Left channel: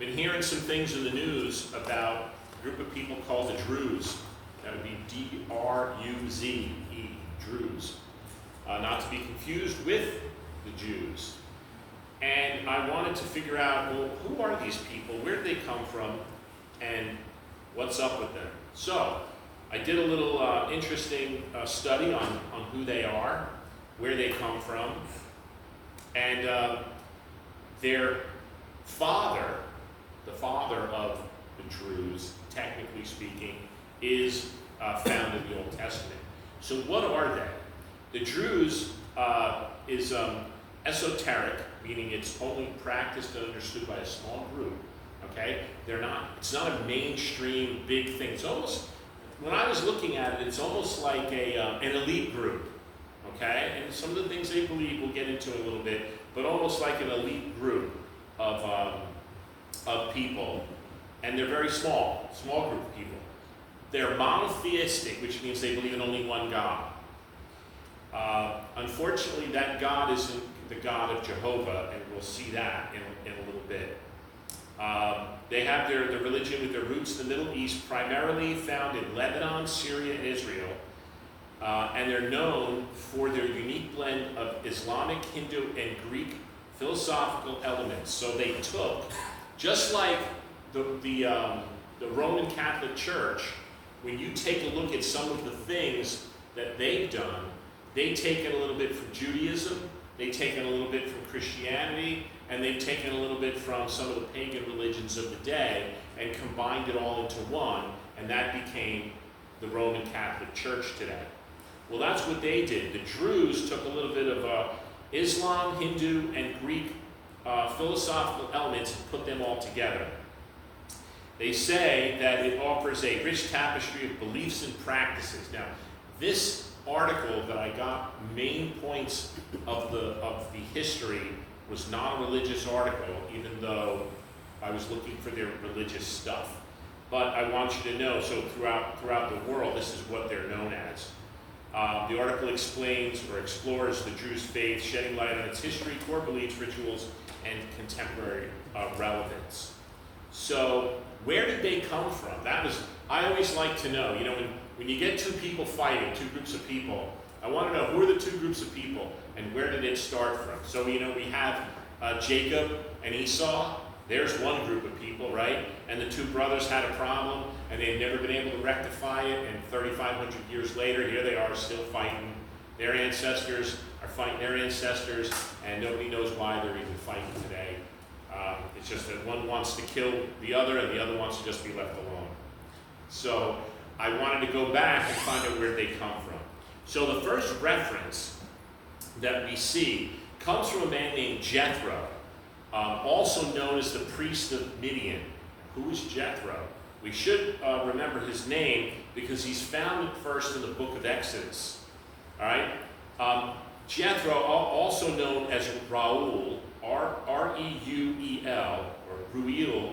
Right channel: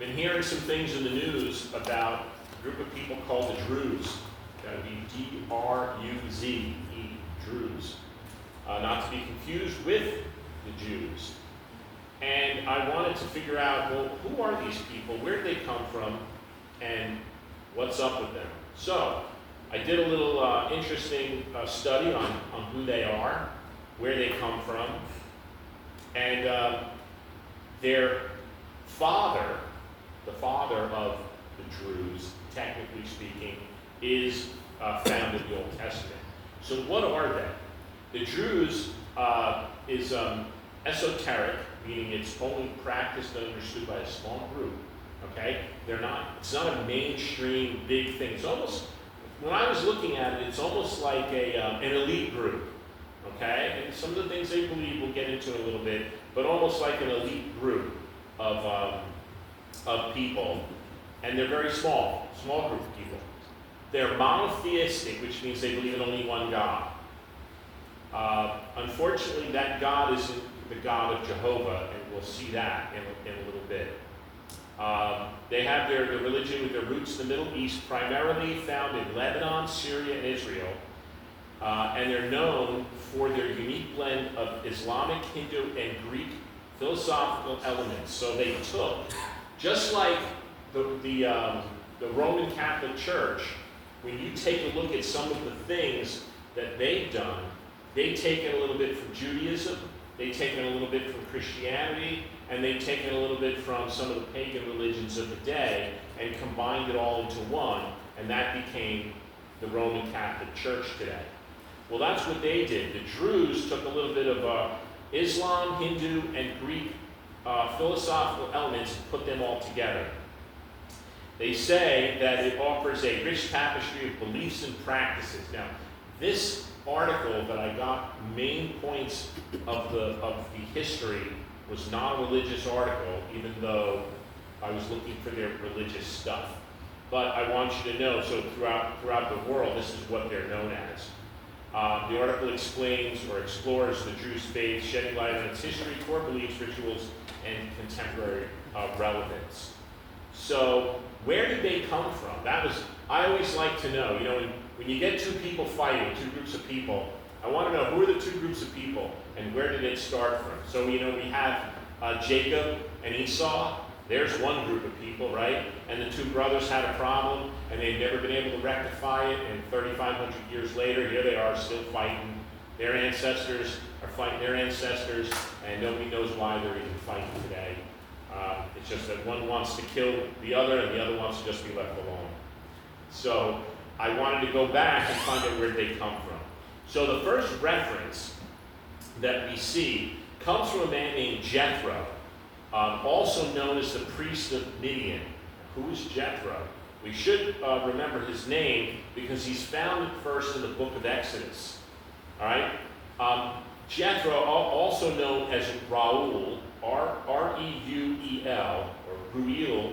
Been hearing some things in the news about a group of people called the Druze. That would be D-R-U-Z-E, Druze. Not to be confused with the Jews. And I wanted to figure out, well, who are these people? Where did they come from? And what's up with them? So, I did a little interesting study on who they are, where they come from, and their father, the father of the Druze, technically speaking, is found in the Old Testament. So what are they? The Druze is esoteric, meaning it's only practiced and understood by a small group. Okay, it's not a mainstream big thing. It's almost, when I was looking at it, it's almost like an elite group. Okay, and some of the things they believe we'll get into in a little bit, but almost like an elite group of people, and they're very small group of people. They're monotheistic, which means they believe in only one God. Unfortunately, that God isn't the God of Jehovah, and we'll see that in a little bit. They have their religion with their roots in the Middle East, primarily found in Lebanon, Syria, and Israel. And they're known for their unique blend of Islamic, Hindu, and Greek philosophical elements. So they took, just like the Roman Catholic Church, when you take a look at some of the things that they've done, they've taken a little bit from Judaism, they've taken a little bit from Christianity, and they've taken a little bit from some of the pagan religions of the day and combined it all into one, and that became the Roman Catholic Church today. Well, that's what they did. The Druze took a little bit of Islam, Hindu, and Greek philosophical elements and put them all together. They say that it offers a rich tapestry of beliefs and practices. Now, this article that I got main points of the history was not a religious article, even though I was looking for their religious stuff. But I want you to know, so throughout the world, this is what they're known as. The article explains or explores the Druze faith, shedding light on its history, core beliefs, rituals, and contemporary relevance. So, where did they come from? I always like to know, when you get two people fighting, two groups of people, I want to know who are the two groups of people and where did it start from? So, we have Jacob and Esau. There's one group of people, right? And the two brothers had a problem, and they've never been able to rectify it, and 3,500 years later, here they are still fighting. Their ancestors are fighting their ancestors, and nobody knows why they're even fighting today. It's just that one wants to kill the other, and the other wants to just be left alone. So I wanted to go back and find out where they come from. So the first reference that we see comes from a man named Jethro, also known as the priest of Midian. Who is Jethro? We should remember his name because he's found first in the book of Exodus. All right? Jethro, also known as Reuel, R-E-U-E-L, or Reuel,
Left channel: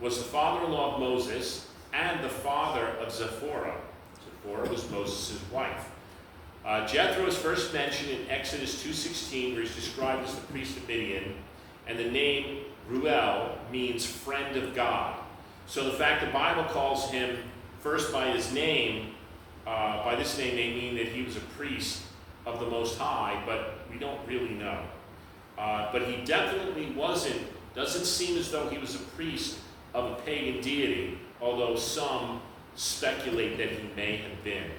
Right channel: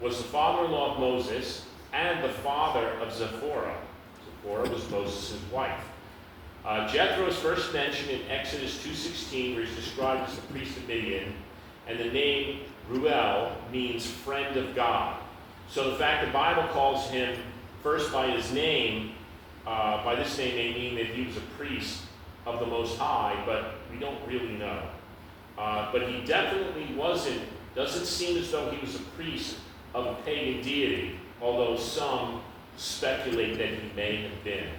was the father-in-law of Moses and the father of Zipporah. Zipporah was Moses' wife. Jethro is first mentioned in Exodus 2:16, where he's described as the priest of Midian, and the name Reuel means friend of God. So the fact the Bible calls him first by his name, by this name they mean that he was a priest of the Most High, but we don't really know. But he definitely doesn't seem as though he was a priest of a pagan deity, although some speculate that he may have been.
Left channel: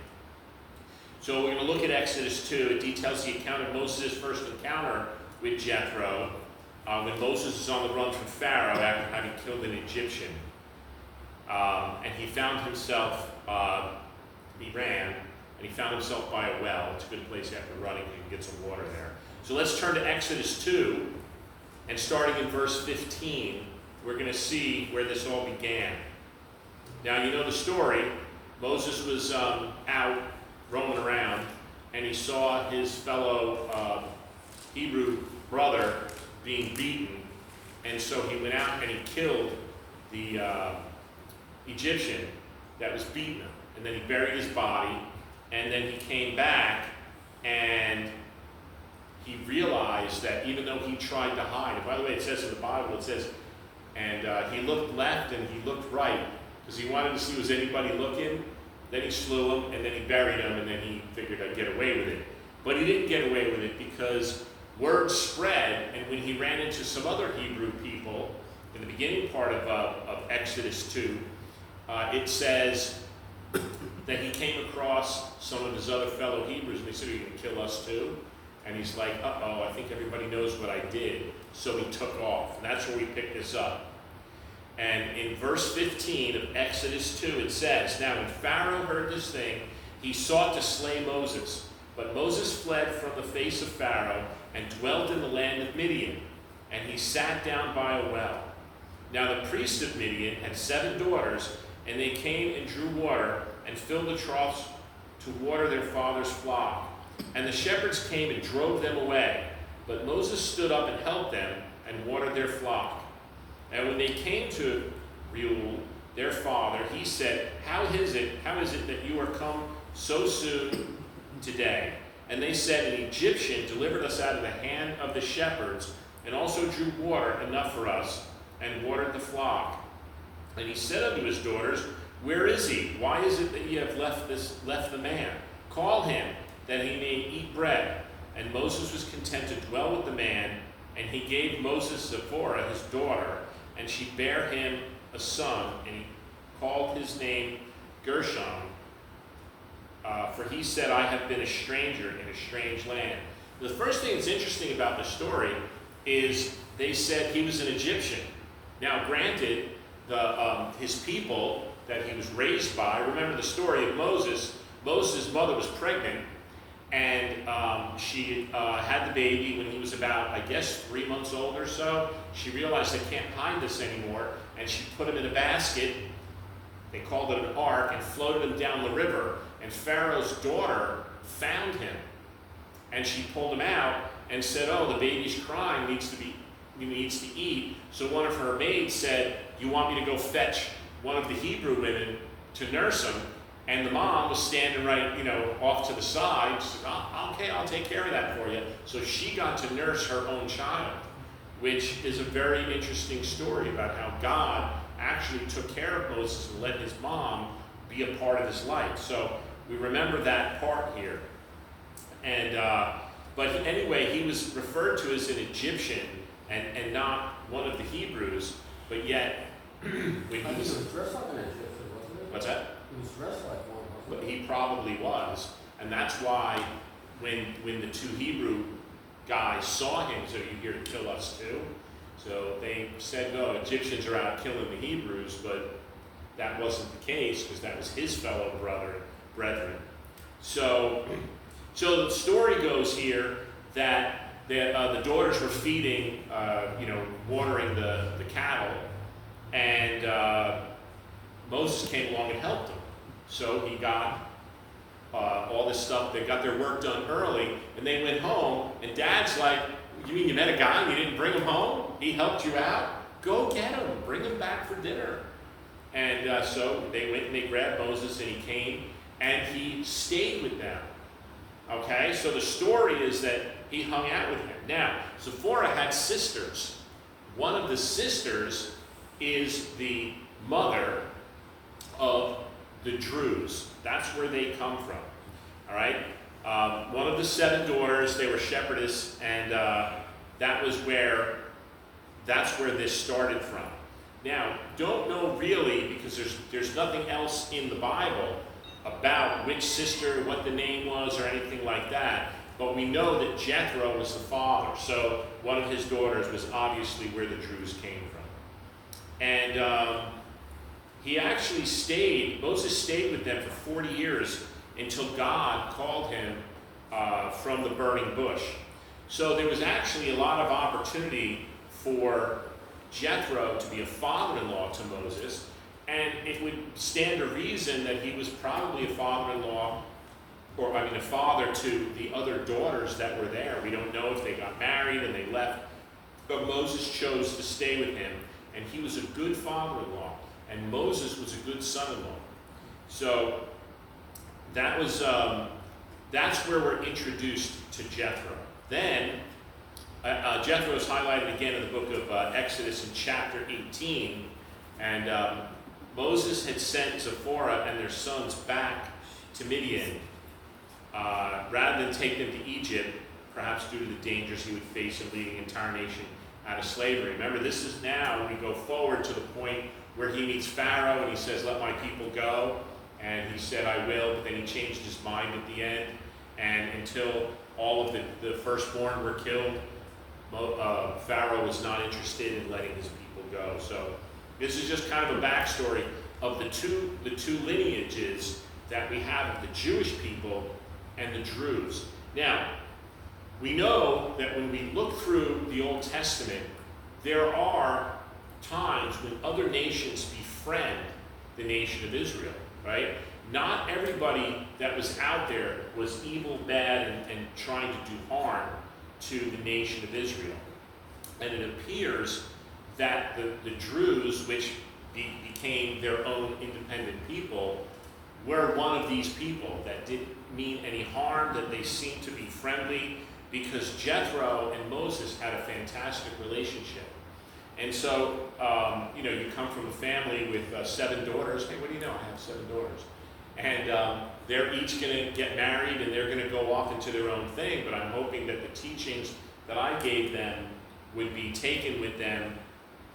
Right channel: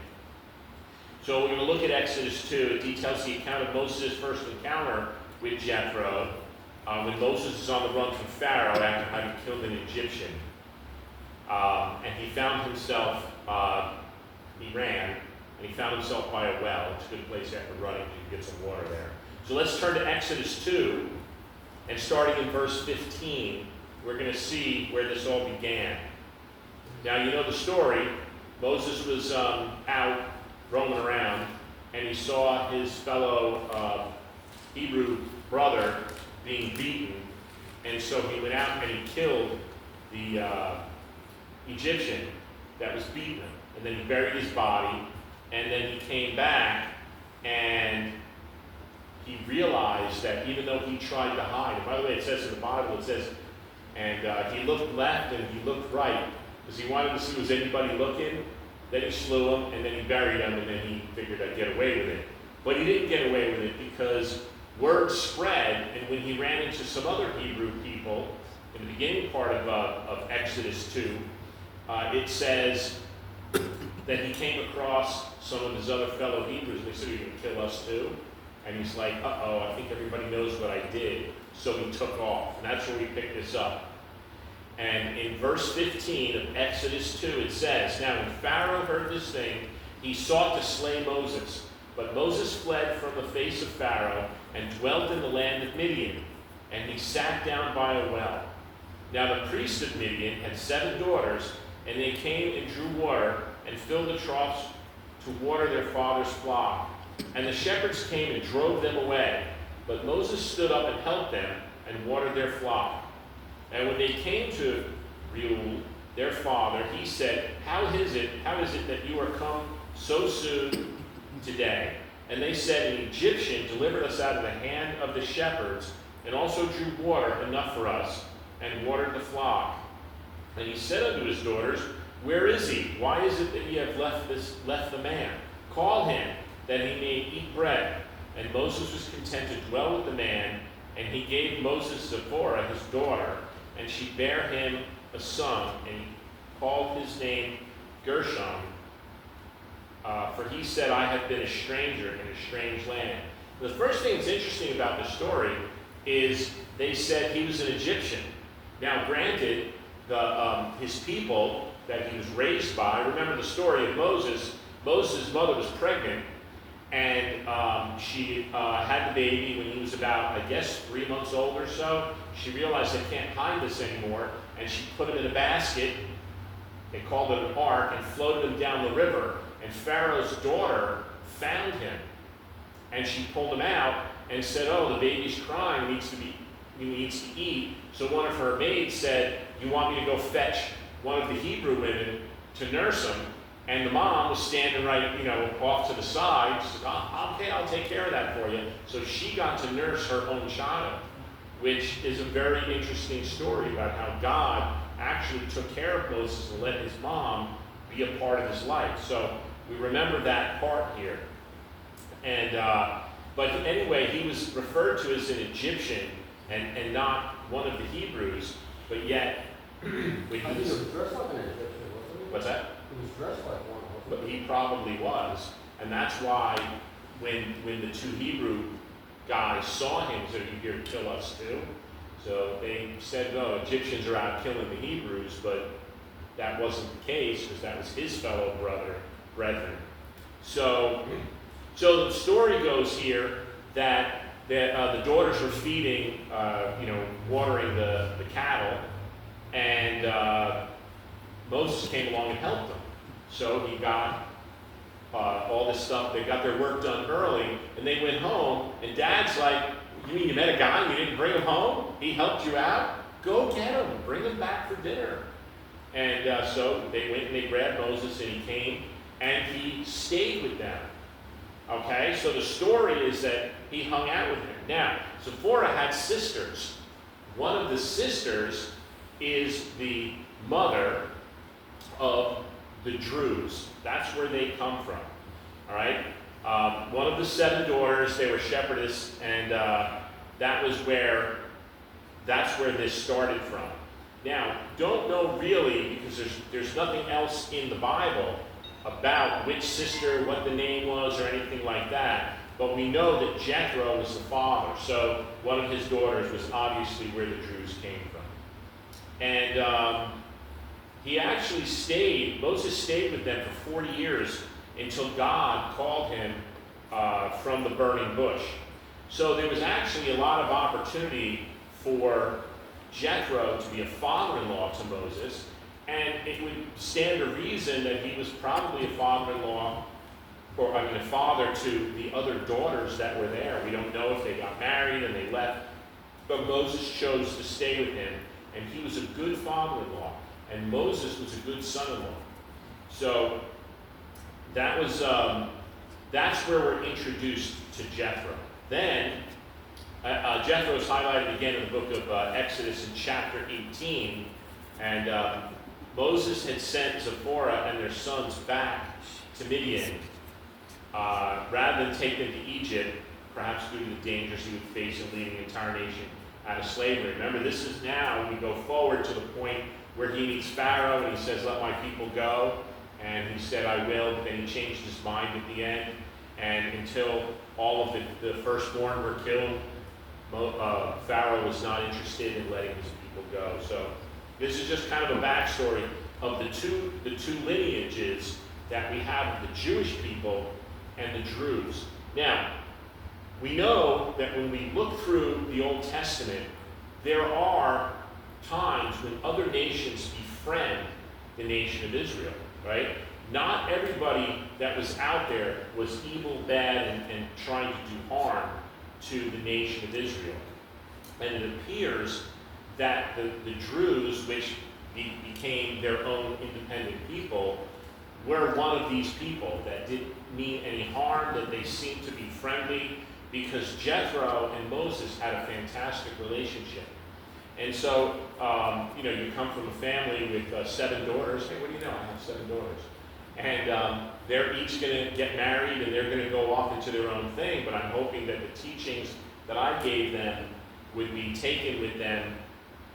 So we're going to look at Exodus 2. It details the account of Moses' first encounter with Jethro, when Moses is on the run from Pharaoh after having killed an Egyptian. And he found himself, he ran, and he found himself by a well. It's a good place after running, you can get some water there. So let's turn to Exodus 2, and starting in verse 15, we're going to see where this all began. Now, you know the story. Moses was out roaming around, and he saw his fellow Hebrew brother being beaten, and so he went out and he killed the Egyptian that was beating him, and then he buried his body, and then he came back, and he realized that even though he tried to hide, and by the way, it says in the Bible, it says And he looked left and he looked right because he wanted to see was anybody looking. Then he slew him, and then he buried him, and then he figured I'd get away with it. But he didn't get away with it because word spread, and when he ran into some other Hebrew people in the beginning part of Exodus 2, it says that he came across some of his other fellow Hebrews, and they said, "Are you going to kill us too?" And he's like, "Uh-oh, I think everybody knows what I did." So he took off, and that's where we pick this up. And in verse 15 of Exodus 2, it says, "Now when Pharaoh heard this thing, he sought to slay Moses. But Moses fled from the face of Pharaoh and dwelt in the land of Midian. And he sat down by a well. Now the priest of Midian had 7 daughters, and they came and drew water and filled the troughs to water their father's flock. And the shepherds came and drove them away. But Moses stood up and helped them and watered their flock. And when they came to Reuel, their father, he said, How is it that you are come so soon today?" And they said, "An Egyptian delivered us out of the hand of the shepherds, and also drew water enough for us, and watered the flock." And he said unto his daughters, "Where is he? Why is it that ye have left the man? Call him, that he may eat bread." And Moses was content to dwell with the man, and he gave Moses Zipporah his daughter, and she bare him a son, and he called his name Gershom, for he said, "I have been a stranger in a strange land." The first thing that's interesting about the story is they said he was an Egyptian. Now, granted, his people that he was raised by, remember the story of Moses. Moses' mother was pregnant, and she had the baby when he was about, I guess, 3 months old or so. She realized they can't hide this anymore, and she put him in a basket. They called it an ark, and floated him down the river. And Pharaoh's daughter found him, and she pulled him out and said, "Oh, the baby's crying, he needs to eat." So one of her maids said, "You want me to go fetch one of the Hebrew women to nurse him?" And the mom was standing right, off to the side. She said, "Okay, I'll take care of that for you." So she got to nurse her own child, which is a very interesting story about how God actually took care of Moses and let his mom be a part of his life. So we remember that part here. And but anyway, he was referred to as an Egyptian and not one of the Hebrews, but yet when I think he was dressed like an Egyptian, wasn't he? What's that? He was dressed like one, But wasn't he? he probably was, and that's why when the 2 Hebrew guys saw him, said, "Are you here to kill us too?" So they said, "No, Egyptians are out killing the Hebrews," but that wasn't the case because that was his fellow brethren. So the story goes here that the daughters were feeding, watering the cattle, and Moses came along and helped them. So he got all this stuff. They got their work done early, and they went home. And Dad's like, "You mean you met a guy and you didn't bring him home? He helped you out? Go get him. Bring him back for dinner." And so they went and they grabbed Moses, and he came, and he stayed with them. Okay, so the story is that he hung out with them. Now, Zipporah had sisters. One of the sisters is the mother of the Druze. That's where they come from. All right? One of the 7 daughters, they were shepherdess, and that's where this started from. Now, don't know really, because there's nothing else in the Bible about which sister, what the name was, or anything like that. But we know that Jethro was the father, so one of his daughters was obviously where the Druze came from. And he actually Moses stayed with them for 40 years until God called him from the burning bush. So there was actually a lot of opportunity for Jethro to be a father-in-law to Moses, and it would stand to reason that he was probably a father-in-law, a father to the other daughters that were there. We don't know if they got married and they left, but Moses chose to stay with him, and he was a good father-in-law, and Moses was a good son-in-law. So that was that's where we're introduced to Jethro. Then Jethro is highlighted again in the book of Exodus in chapter 18, and Moses had sent Zipporah and their sons back to Midian rather than take them to Egypt, perhaps due to the dangers he would face in leading the entire nation out of slavery. Remember, this is now when we go forward to the point where he meets Pharaoh and he says, "Let my people go." And he said, "I will," but then he changed his mind at the end. And until all of the firstborn were killed, Pharaoh was not interested in letting his people go. So this is just kind of a backstory of the two lineages that we have of the Jewish people and the Druze. Now, we know that when we look through the Old Testament, there are times when other nations befriend the nation of Israel, right? Not everybody that was out there was evil, bad, and trying to do harm to the nation of Israel. And it appears that the Druze, which became their own independent people, were one of these people that didn't mean any harm, that they seemed to be friendly, because Jethro and Moses had a fantastic relationship. And so, you come from a family with 7 daughters. Hey, what do you know? I have 7 daughters. And they're each going to get married and they're going to go off into their own thing, but I'm hoping that the teachings that I gave them would be taken with them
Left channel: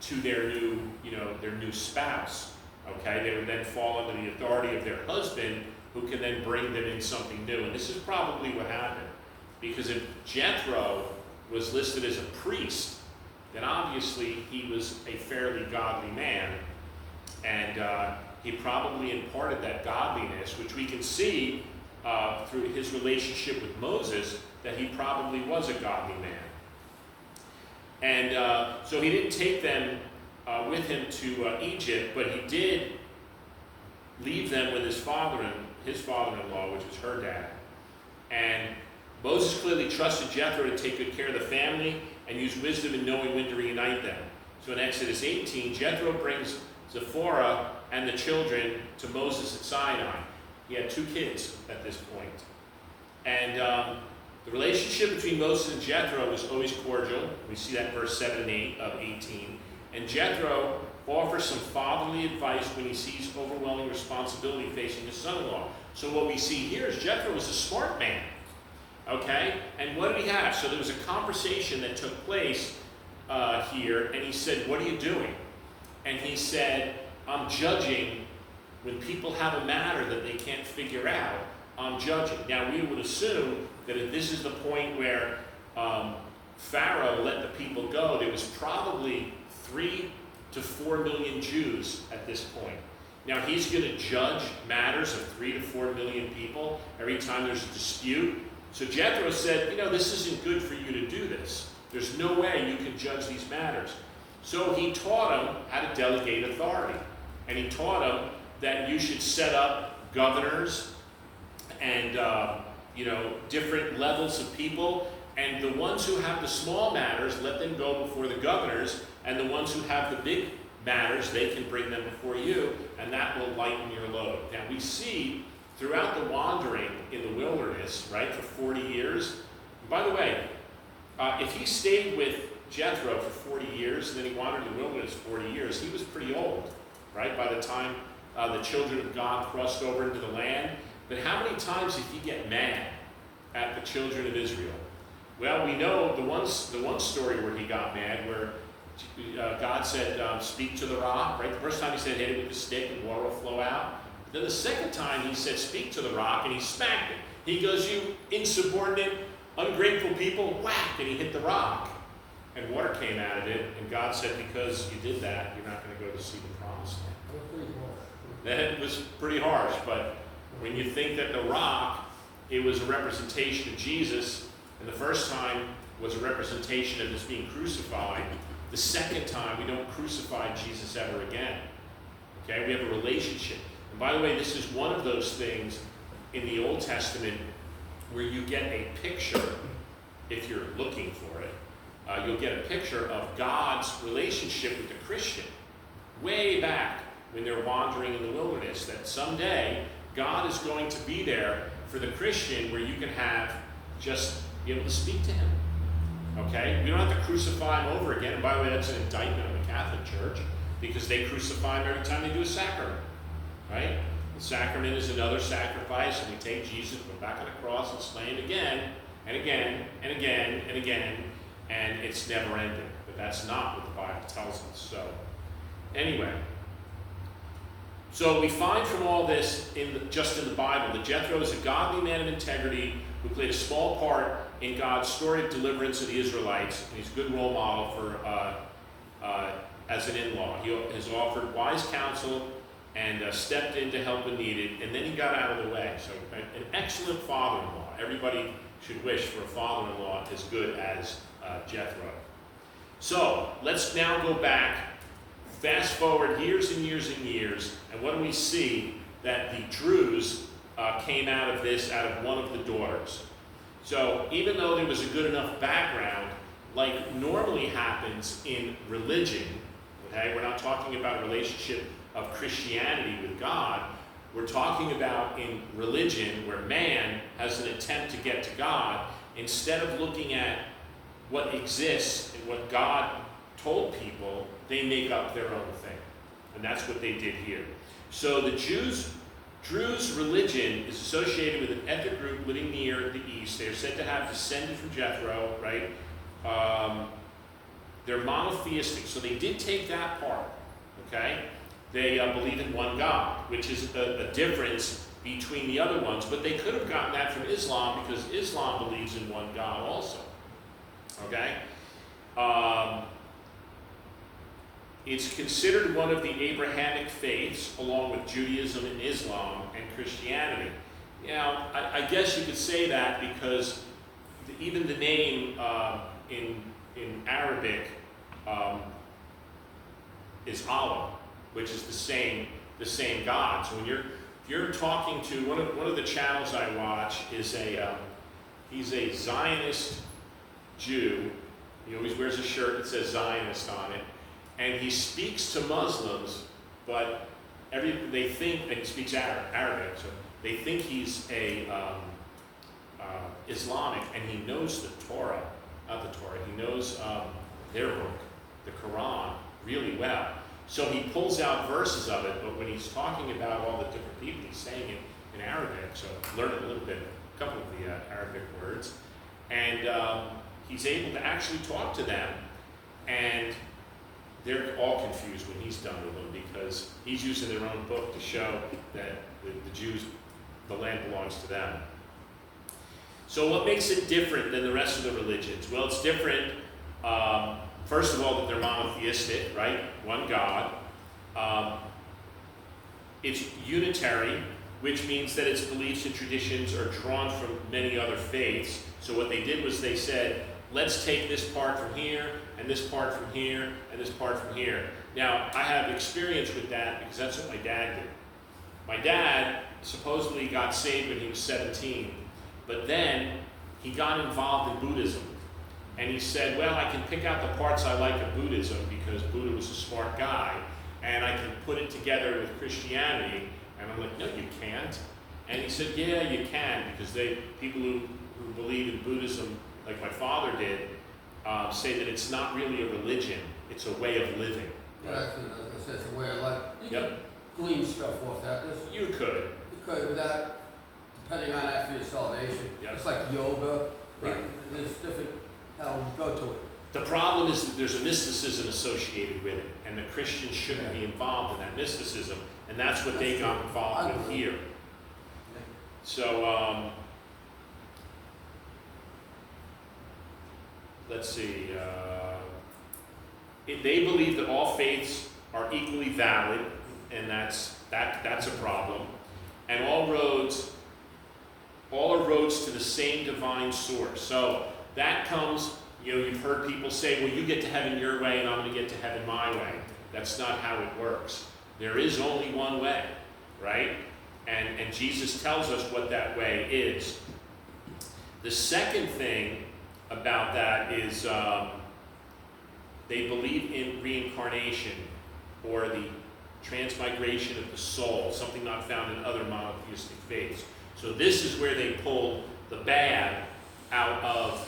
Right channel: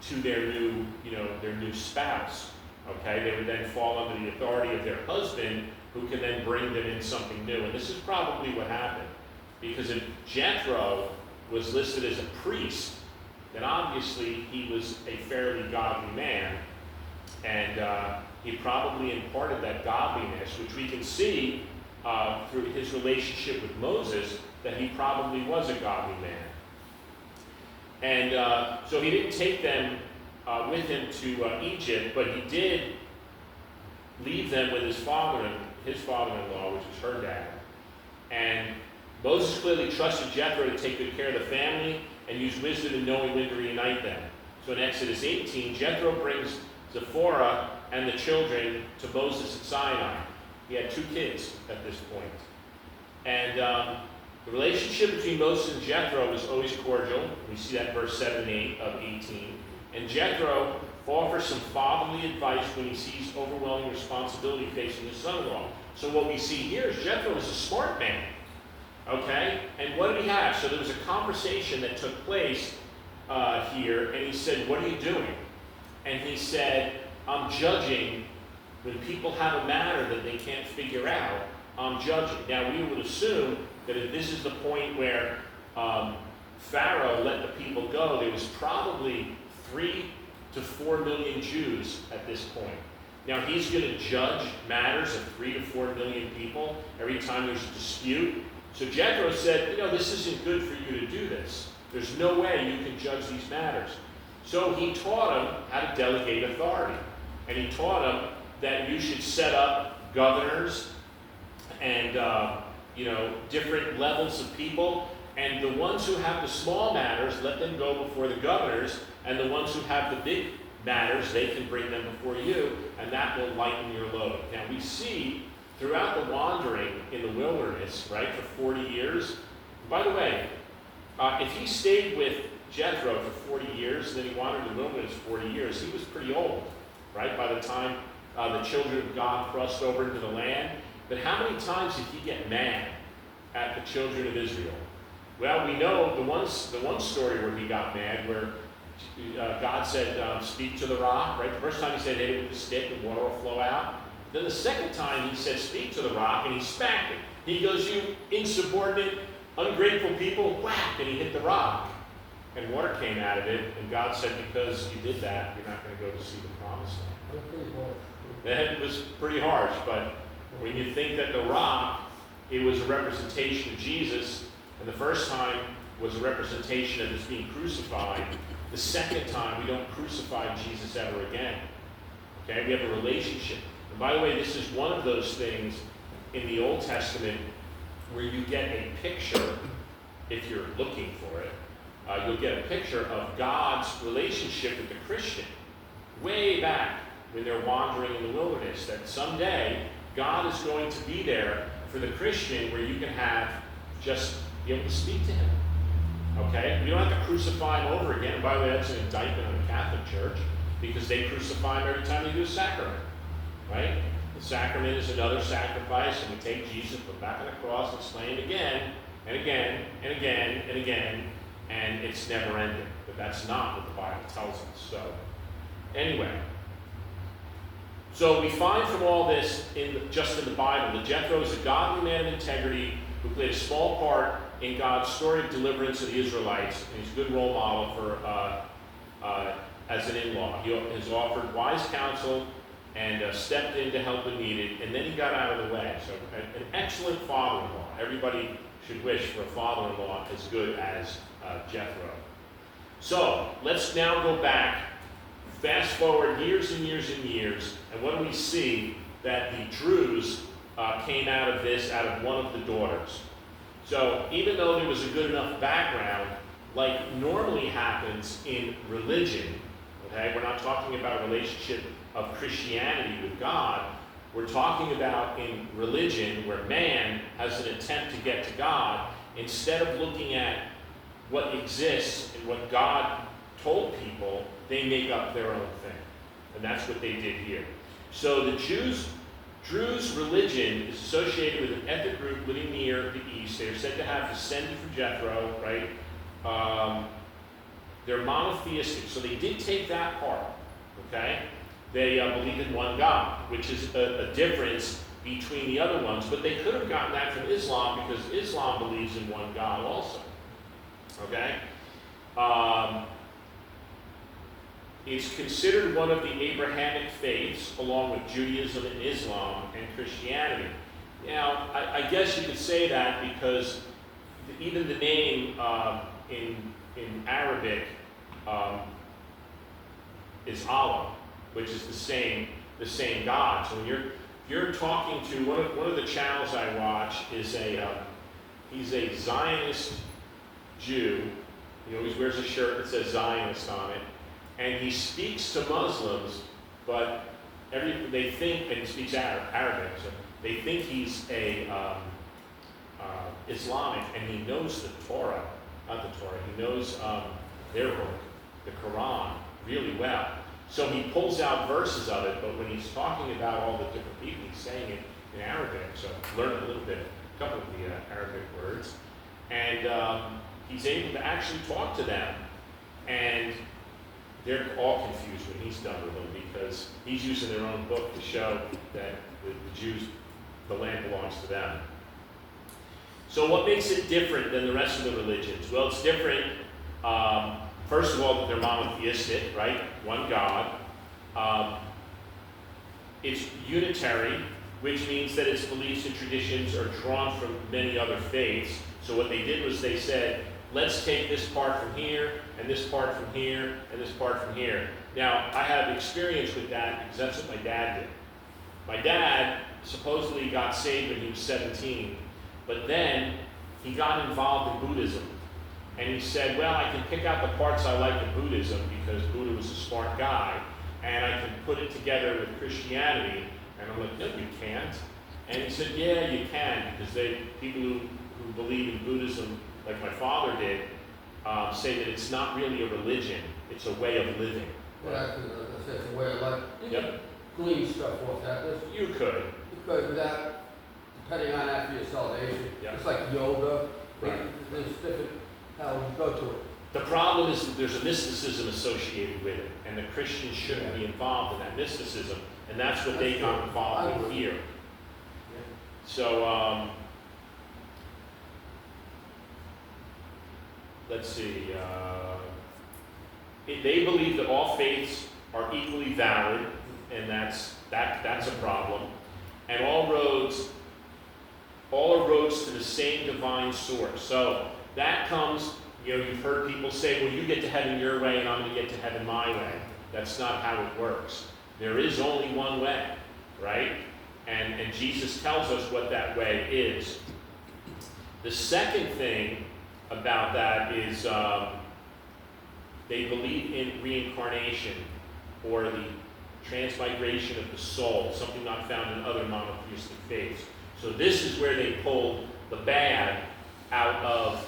to their new spouse. Okay? They would then fall under the authority of their husband, who can then bring them in something new. And this is probably what happened. Because if Jethro was listed as a priest, then obviously he was a fairly godly man, and he probably imparted that godliness, which we can see through his relationship with Moses, that he probably was a godly man. And so he didn't take them with him to Egypt, but he did leave them with his father-in-law, which was her dad. And Moses clearly trusted Jethro to take good care of the family and use wisdom in knowing when to reunite them. So in Exodus 18, Jethro brings Zipporah and the children to Moses at Sinai. He had 2 kids at this point. And the relationship between Moses and Jethro was always cordial. We see that in verse 7 and 8 of 18. And Jethro offers some fatherly advice when he sees overwhelming responsibility facing his son-in-law. So what we see here is Jethro was a smart man. Okay? And what do we have? So there was a conversation that took place here, and he said, "What are you doing?" And he said, "I'm judging when people have a matter that they can't figure out. I'm judging." Now, we would assume that if this is the point where Pharaoh let the people go, there was probably 3 to 4 million Jews at this point. Now, he's going to judge matters of 3 to 4 million people every time there's a dispute. So Jethro said, this isn't good for you to do this. There's no way you can judge these matters. So he taught them how to delegate authority. And he taught them that you should set up governors and, different levels of people. And the ones who have the small matters, let them go before the governors. And the ones who have the big matters, they can bring them before you. And that will lighten your load. Now we see throughout the wandering in the wilderness, right, for 40 years. By the way, if he stayed with Jethro for 40 years, and then he wandered in the wilderness 40 years, he was pretty old, right, by the time the children of God crossed over into the land. But how many times did he get mad at the children of Israel? Well, we know the one story where he got mad, where God said, "Speak to the rock," right? The first time he said, "Hit it with a stick and water will flow out." Then the second time he said, "Speak to the rock," and he smacked it. He goes, "You insubordinate, ungrateful people," whack, and he hit the rock. And water came out of it, and God said, "Because you did that, you're not going to go to see the promised land." That was pretty harsh. That was pretty harsh, but when you think that the rock, it was a representation of Jesus, and the first time was a representation of his being crucified, the second time we don't crucify Jesus ever again. Okay, we have a relationship. And by the way, this is one of those things in the Old Testament where you get a picture, if you're looking for it, you'll get a picture of God's relationship with the Christian way back when they're wandering in the wilderness, that someday God is going to be there for the Christian where you can just be able to speak to him. Okay? We don't have to crucify him over again. And by the way, that's an indictment on the Catholic Church because they crucify him every time they do a sacrament. Right? The sacrament is another sacrifice, and we take Jesus, put back on the cross, and slay him again, and again, and again, and again, and it's never ending. But that's not what the Bible tells us. So, anyway. So we find from all this, just in the Bible, that Jethro is a godly man of integrity who played a small part in God's story of deliverance of the Israelites, and he's a good role model for as an in-law. He has offered wise counsel and stepped in to help when needed, and then he got out of the way. So an excellent father-in-law. Everybody should wish for a father-in-law as good as Jethro. So let's now go back, fast forward years and years and years, and what do we see? That the Druze came out of this, out of one of the daughters. So even though there was a good enough background, like normally happens in religion, okay, we're not talking about a relationship of Christianity with God, we're talking about in religion where man has an attempt to get to God, instead of looking at what exists and what God told people, they make up their own thing. And that's what they did here. So the Druze religion is associated with an ethnic group living near the east. They are said to have descended from Jethro, right? They're monotheistic, so they did take that part, okay? They believe in one God, which is a difference between the other ones, but they could have gotten that from Islam because Islam believes in one God also, okay? It's considered one of the Abrahamic faiths, along with Judaism and Islam and Christianity. Now, I guess you could say that because even the name in Arabic is Allah, which is the same God. So when you're talking to one of the channels I watch is he's a Zionist Jew. He always wears a shirt that says Zionist on it. And he speaks to Muslims, but they think that he speaks Arabic, so they think he's a Islamic, and he knows the Torah, not the Torah, he knows their book, the Quran, really well. So he pulls out verses of it, but when he's talking about all the different people, he's saying it in Arabic, so I learned a little bit, a couple of the Arabic words, and he's able to actually talk to them, and they're all confused when he's done with them because he's using their own book to show that the Jews, the land belongs to them. So what makes it different than the rest of the religions? Well, it's different, first of all, that they're monotheistic, right? One God. It's unitary, which means that its beliefs and traditions are drawn from many other faiths. So what they did was they said, let's take this part from here, and this part from here, and this part from here. Now, I have experience with that because that's what my dad did. My dad supposedly got saved when he was 17, but then he got involved in Buddhism. And he said, well, I can pick out the parts I like of Buddhism because Buddha was a smart guy, and I can put it together with Christianity. And I'm like, no, you can't. And he said, yeah, you can, because people who believe in Buddhism, like my father did, say that it's not really a religion, it's a way of living. Yeah, it's a way of life. You can glean stuff off that. You could. You could, without depending on that for your salvation. Yep. It's like yoga. Right. There's different how we go to it. The problem is that there's a mysticism associated with it, and the Christians shouldn't be involved in that mysticism, and that's what they got involved with here. Yeah. So, let's see. They believe that all faiths are equally valid, and that's a problem. And all are roads to the same divine source. So that comes, you've heard people say, well, you get to heaven your way, and I'm going to get to heaven my way. That's not how it works. There is only one way, right? And Jesus tells us what that way is. The second thing about that is they believe in reincarnation, or the transmigration of the soul, something not found in other monotheistic faiths. So this is where they pull the bad out of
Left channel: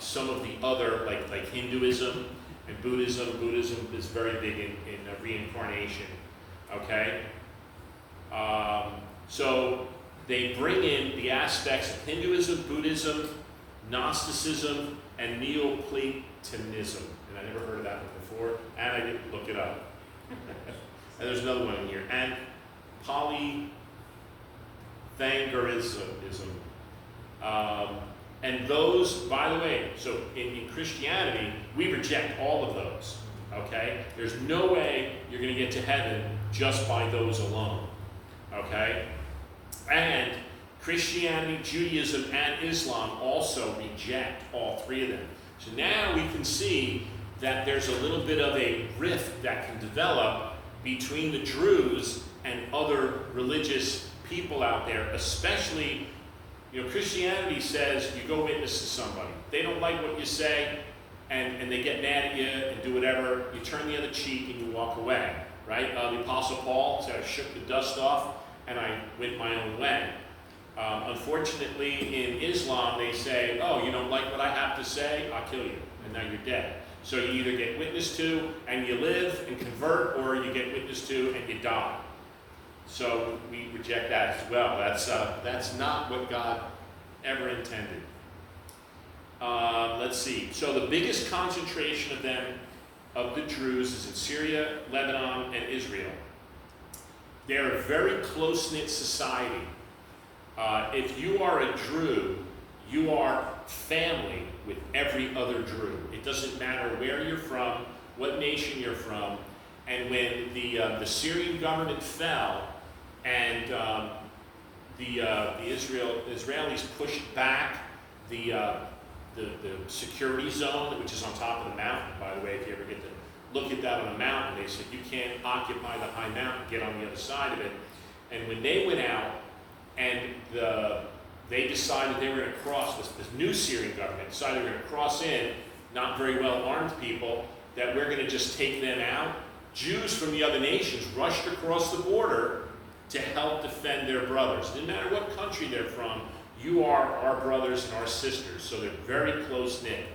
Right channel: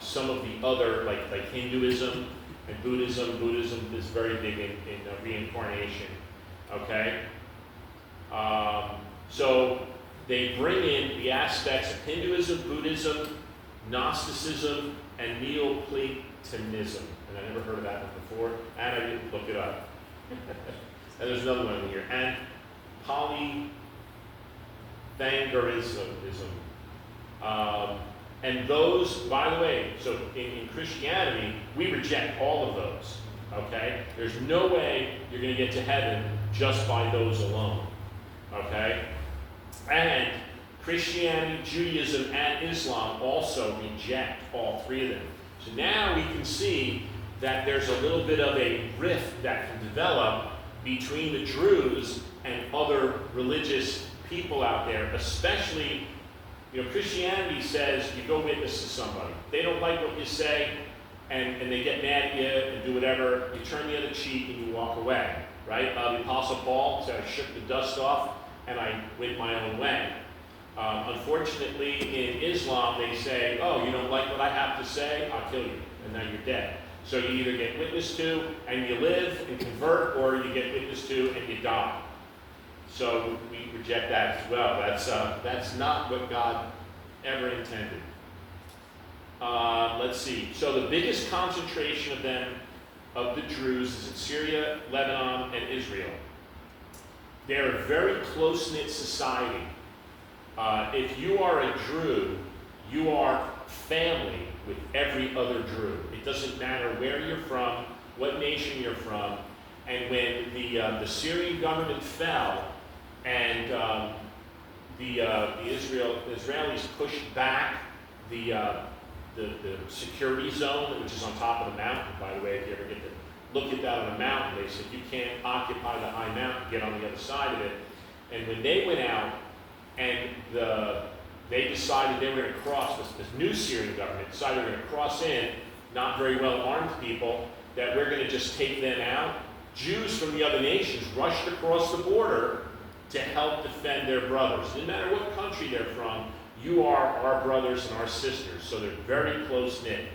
some of the other, like Hinduism and Buddhism. Buddhism is very big in reincarnation, okay? So they bring in the aspects of Hinduism, Buddhism, Gnosticism, and Neoplatonism. And I never heard of that one before, and I didn't look it up. And there's another one in here. And Polythangerism. And those, by the way, so in Christianity, we reject all of those, okay? There's no way you're going to get to heaven just by those alone, okay? And Christianity, Judaism, and Islam also reject all three of them. So now we can see that there's a little bit of a rift that can develop between the Druze and other religious people out there, especially, Christianity says you go witness to somebody. They don't like what you say, and they get mad at you and do whatever. You turn the other cheek and you walk away, right? The Apostle Paul said, I shook the dust off and I went my own way. Unfortunately, in Islam, they say, oh, you don't like what I have to say? I'll kill you, and now you're dead. So you either get witnessed to and you live and convert, or you get witnessed to and you die. So we reject that as well. That's not what God ever intended. Let's see. So the biggest concentration of them, of the Druze, is in Syria, Lebanon, and Israel. They're a very close-knit society. If you are a Druze, you are family with every other Druze. It doesn't matter where you're from, what nation you're from. And when the Syrian government fell and the Israelis pushed back the security zone, which is on top of the mountain, by the way, if you ever get to look at that on the mountain, they said you can't occupy the high mountain, get on the other side of it. And when they went out and they decided they were going to cross, this new Syrian government decided they were going to cross in, not very well armed people, that we're going to just take them out. Jews from the other nations rushed across the border to help defend their brothers. No matter what country they're from, you are our brothers and our sisters, so they're very close-knit.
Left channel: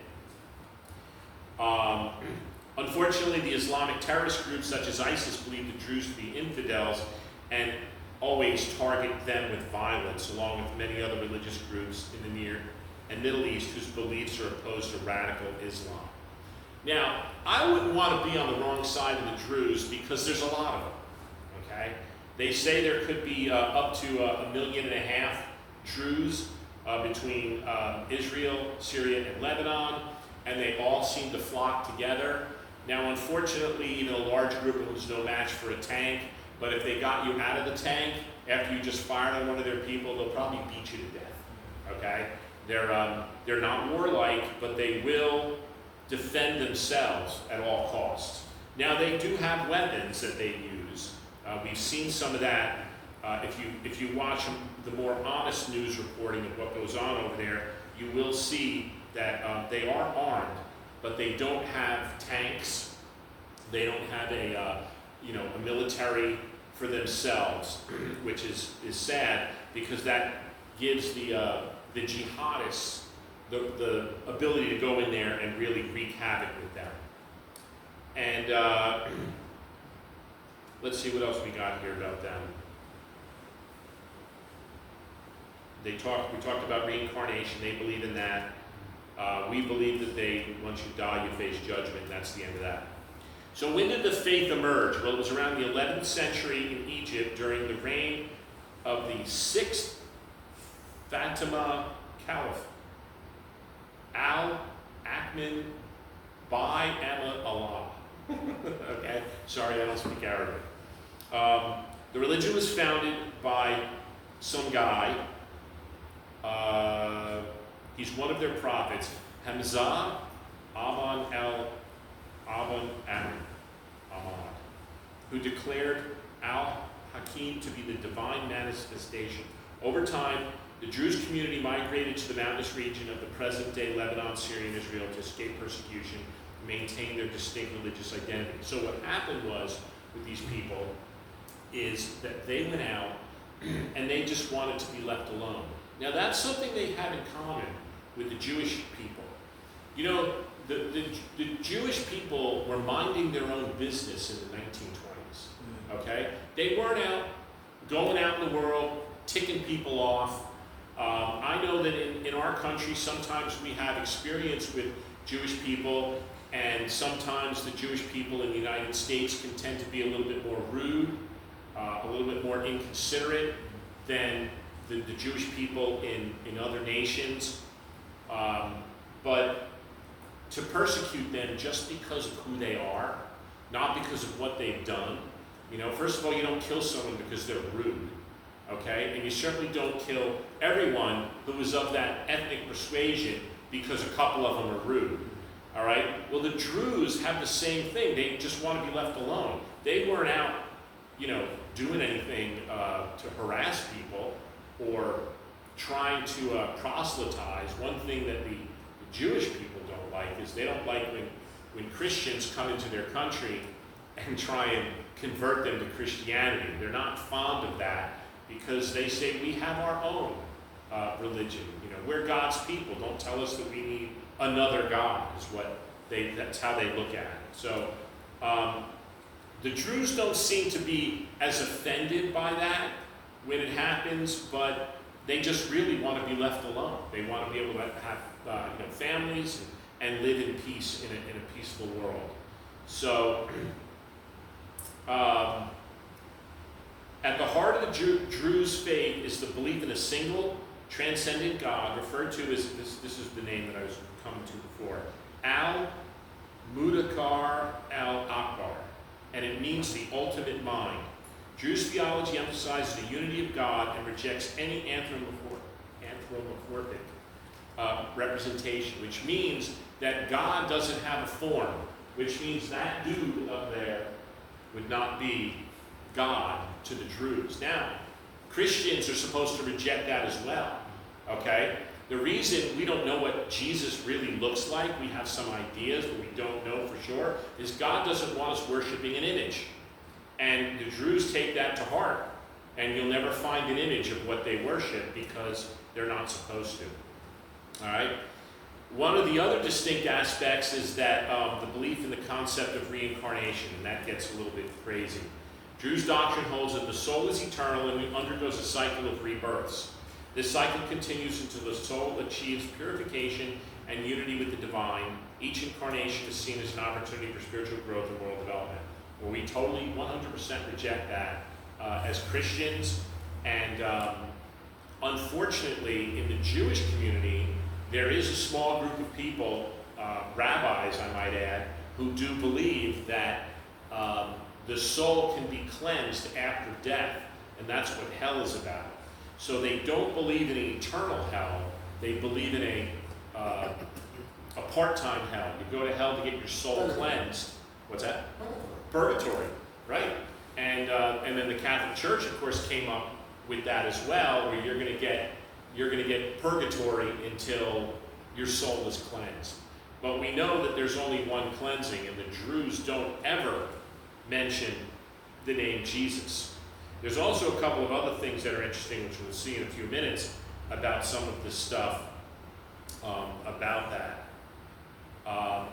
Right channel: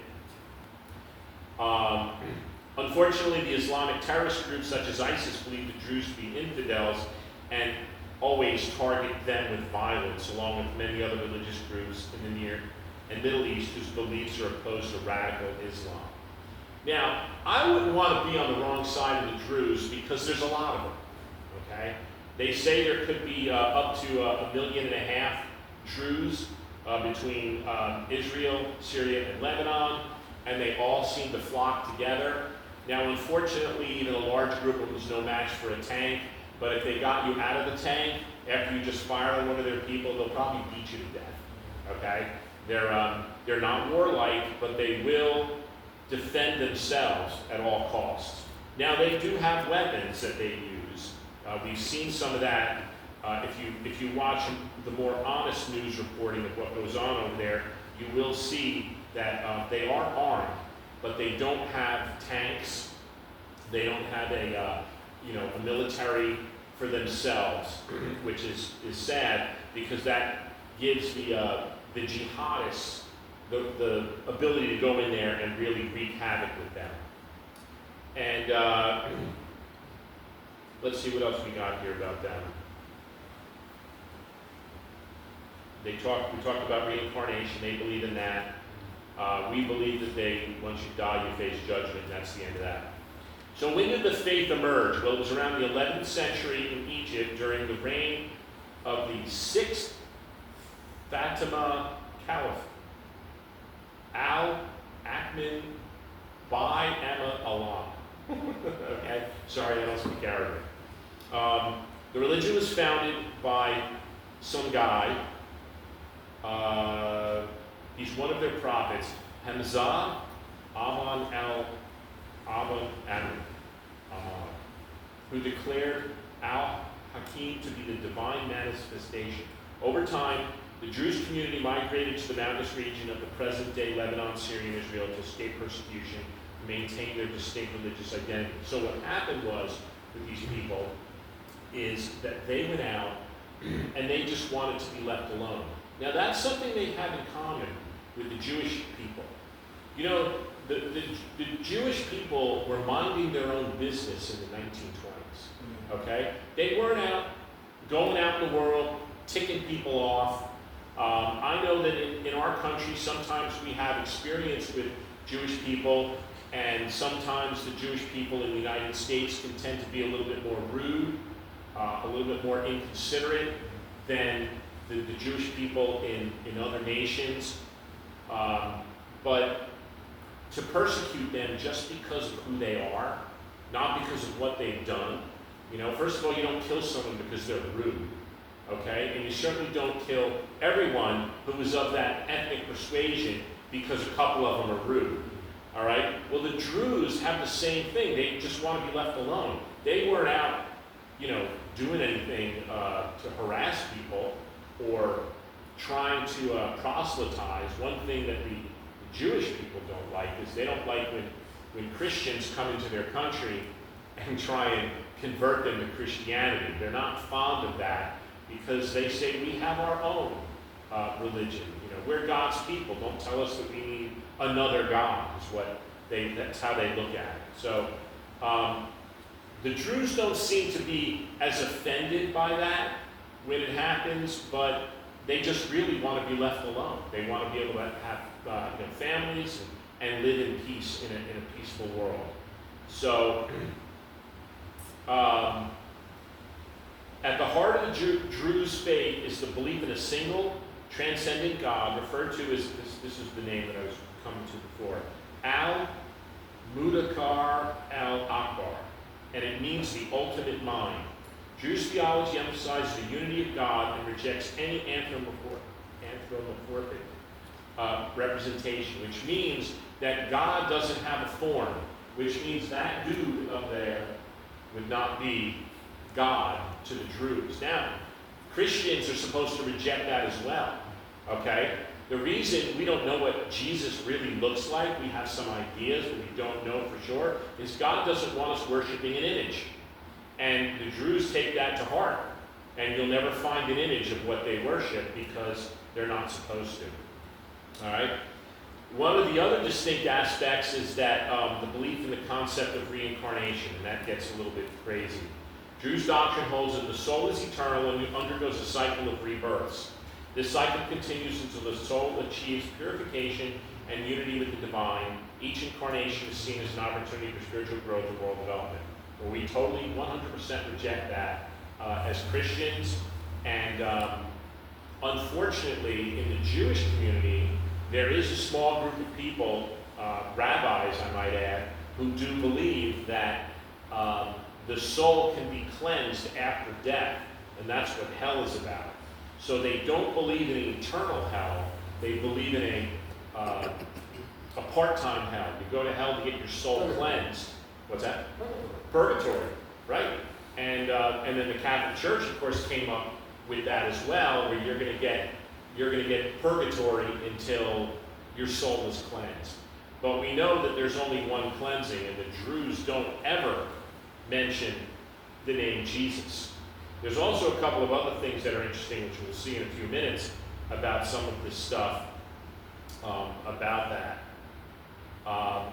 Unfortunately, the Islamic terrorist groups such as ISIS believe the Druze to be infidels and always target them with violence, along with many other religious groups in the Near and Middle East whose beliefs are opposed to radical Islam. Now, I wouldn't want to be on the wrong side of the Druze because there's a lot of them, okay? They say there could be up to 1.5 million Druze between Israel, Syria, and Lebanon, and they all seem to flock together. Now, unfortunately, even a large group of them is no match for a tank, but if they got you out of the tank, after you just fired on one of their people, they'll probably beat you to death, okay? They're not warlike, but they will defend themselves at all costs. Now, they do have weapons that they use. We've seen some of that. If you watch the more honest news reporting of what goes on over there, you will see that they are armed, but they don't have tanks. They don't have a military for themselves, which is sad because that gives the jihadists the ability to go in there and really wreak havoc with them. And let's see what else we got here about them. We talked about reincarnation. They believe in that. We believe that once you die, you face judgment. That's the end of that. So when did the faith emerge? Well, it was around the 11th century in Egypt during the reign of the 6th Fatima Caliph, Al-Akmin bi-Allah. Okay, sorry, I don't speak Arabic. The religion was founded by some guy. He's one of their prophets, Hamza Aban, who declared Al-Hakim to be the divine manifestation. Over time, the Druze community migrated to the mountainous region of the present-day Lebanon, Syria, and Israel to escape persecution and maintain their distinct religious identity. So what happened was, with these people, is that they went out and they just wanted to be left alone. Now that's something they have in common with the Jewish people. You know, the Jewish people were minding their own business in the 1920s, okay? They weren't out, going out in the world, ticking people off. I know that in our country, sometimes we have experience with Jewish people, and sometimes the Jewish people in the United States can tend to be a little bit more rude, a little bit more inconsiderate than the Jewish people in other nations. But to persecute them just because of who they are, not because of what they've done. You know, first of all, you don't kill someone because they're rude, okay? And you certainly don't kill everyone who is of that ethnic persuasion because a couple of them are rude, all right? Well, the Druze have the same thing. They just want to be left alone. They weren't out, you know, doing anything to harass people or trying to proselytize. One thing that the Jewish people don't like is they don't like when Christians come into their country and try and convert them to Christianity. They're not fond of that because they say we have our own religion. You know, we're God's people. Don't tell us that we need another God. That's how they look at it. So the Druze don't seem to be as offended by that when it happens, but they just really want to be left alone. They want to be able to have families and live in peace in a peaceful world. So, at the heart of the Druze faith is the belief in a single, transcendent God, referred to as, this is the name that I was coming to before, Al-Mudakar Al-Akbar, and it means the ultimate mind. Jewish theology emphasizes the unity of God and rejects any anthropomorphic representation, which means that God doesn't have a form, which means that dude up there would not be God to the Druze. Now, Christians are supposed to reject that as well, okay? The reason we don't know what Jesus really looks like, we have some ideas, but we don't know for sure, is God doesn't want us worshiping an image. And the Druze take that to heart, and you'll never find an image of what they worship because they're not supposed to. All right? One of the other distinct aspects is that the belief in the concept of reincarnation, and that gets a little bit crazy. Druze doctrine holds that the soul is eternal and undergoes a cycle of rebirths. This cycle continues until the soul achieves purification and unity with the divine. Each incarnation is seen as an opportunity for spiritual growth and moral development. Well, we totally 100% reject that as Christians, and unfortunately, in the Jewish community, there is a small group of people, rabbis I might add, who do believe that the soul can be cleansed after death, and that's what hell is about. So they don't believe in an eternal hell, they believe in a part-time hell. You go to hell to get your soul cleansed. What's that? Purgatory, right? And then the Catholic Church, of course, came up with that as well, where you're going to get purgatory until your soul is cleansed. But we know that there's only one cleansing, and the Druze don't ever mention the name Jesus. There's also a couple of other things that are interesting, which we'll see in a few minutes, about some of this stuff about that.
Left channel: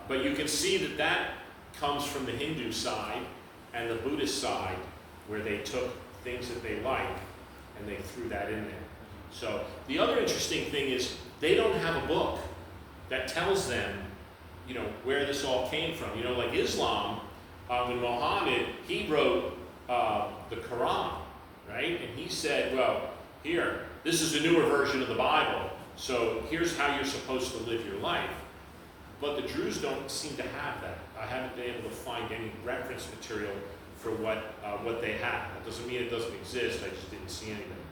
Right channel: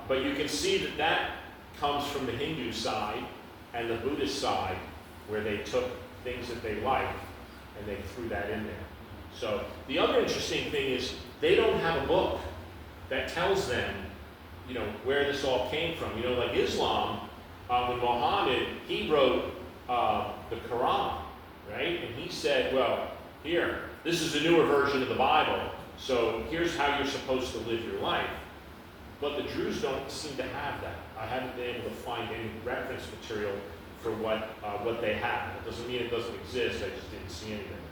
But you can see that that comes from the Hindu side and the Buddhist side, where they took things that they liked and they threw that in there. So the other interesting thing is they don't have a book that tells them, you know, where this all came from. You know, like Islam, when Muhammad, he wrote the Quran, right? And he said, well, here, this is the newer version of the Bible, so here's how you're supposed to live your life. But the Druze don't seem to have that. I haven't been able to find any reference material for what they have. It doesn't mean it doesn't exist, I just didn't see anything.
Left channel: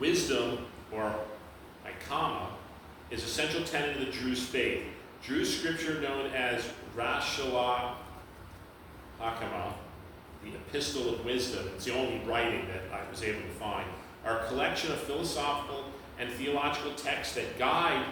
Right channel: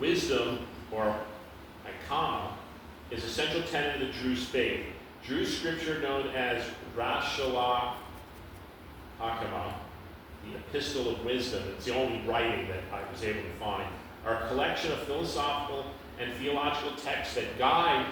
Wisdom, or Ikama, is a central tenet of the Druze faith. Druze scripture known as Rashala Akama, the Epistle of Wisdom, it's the only writing that I was able to find, are a collection of philosophical and theological texts that guide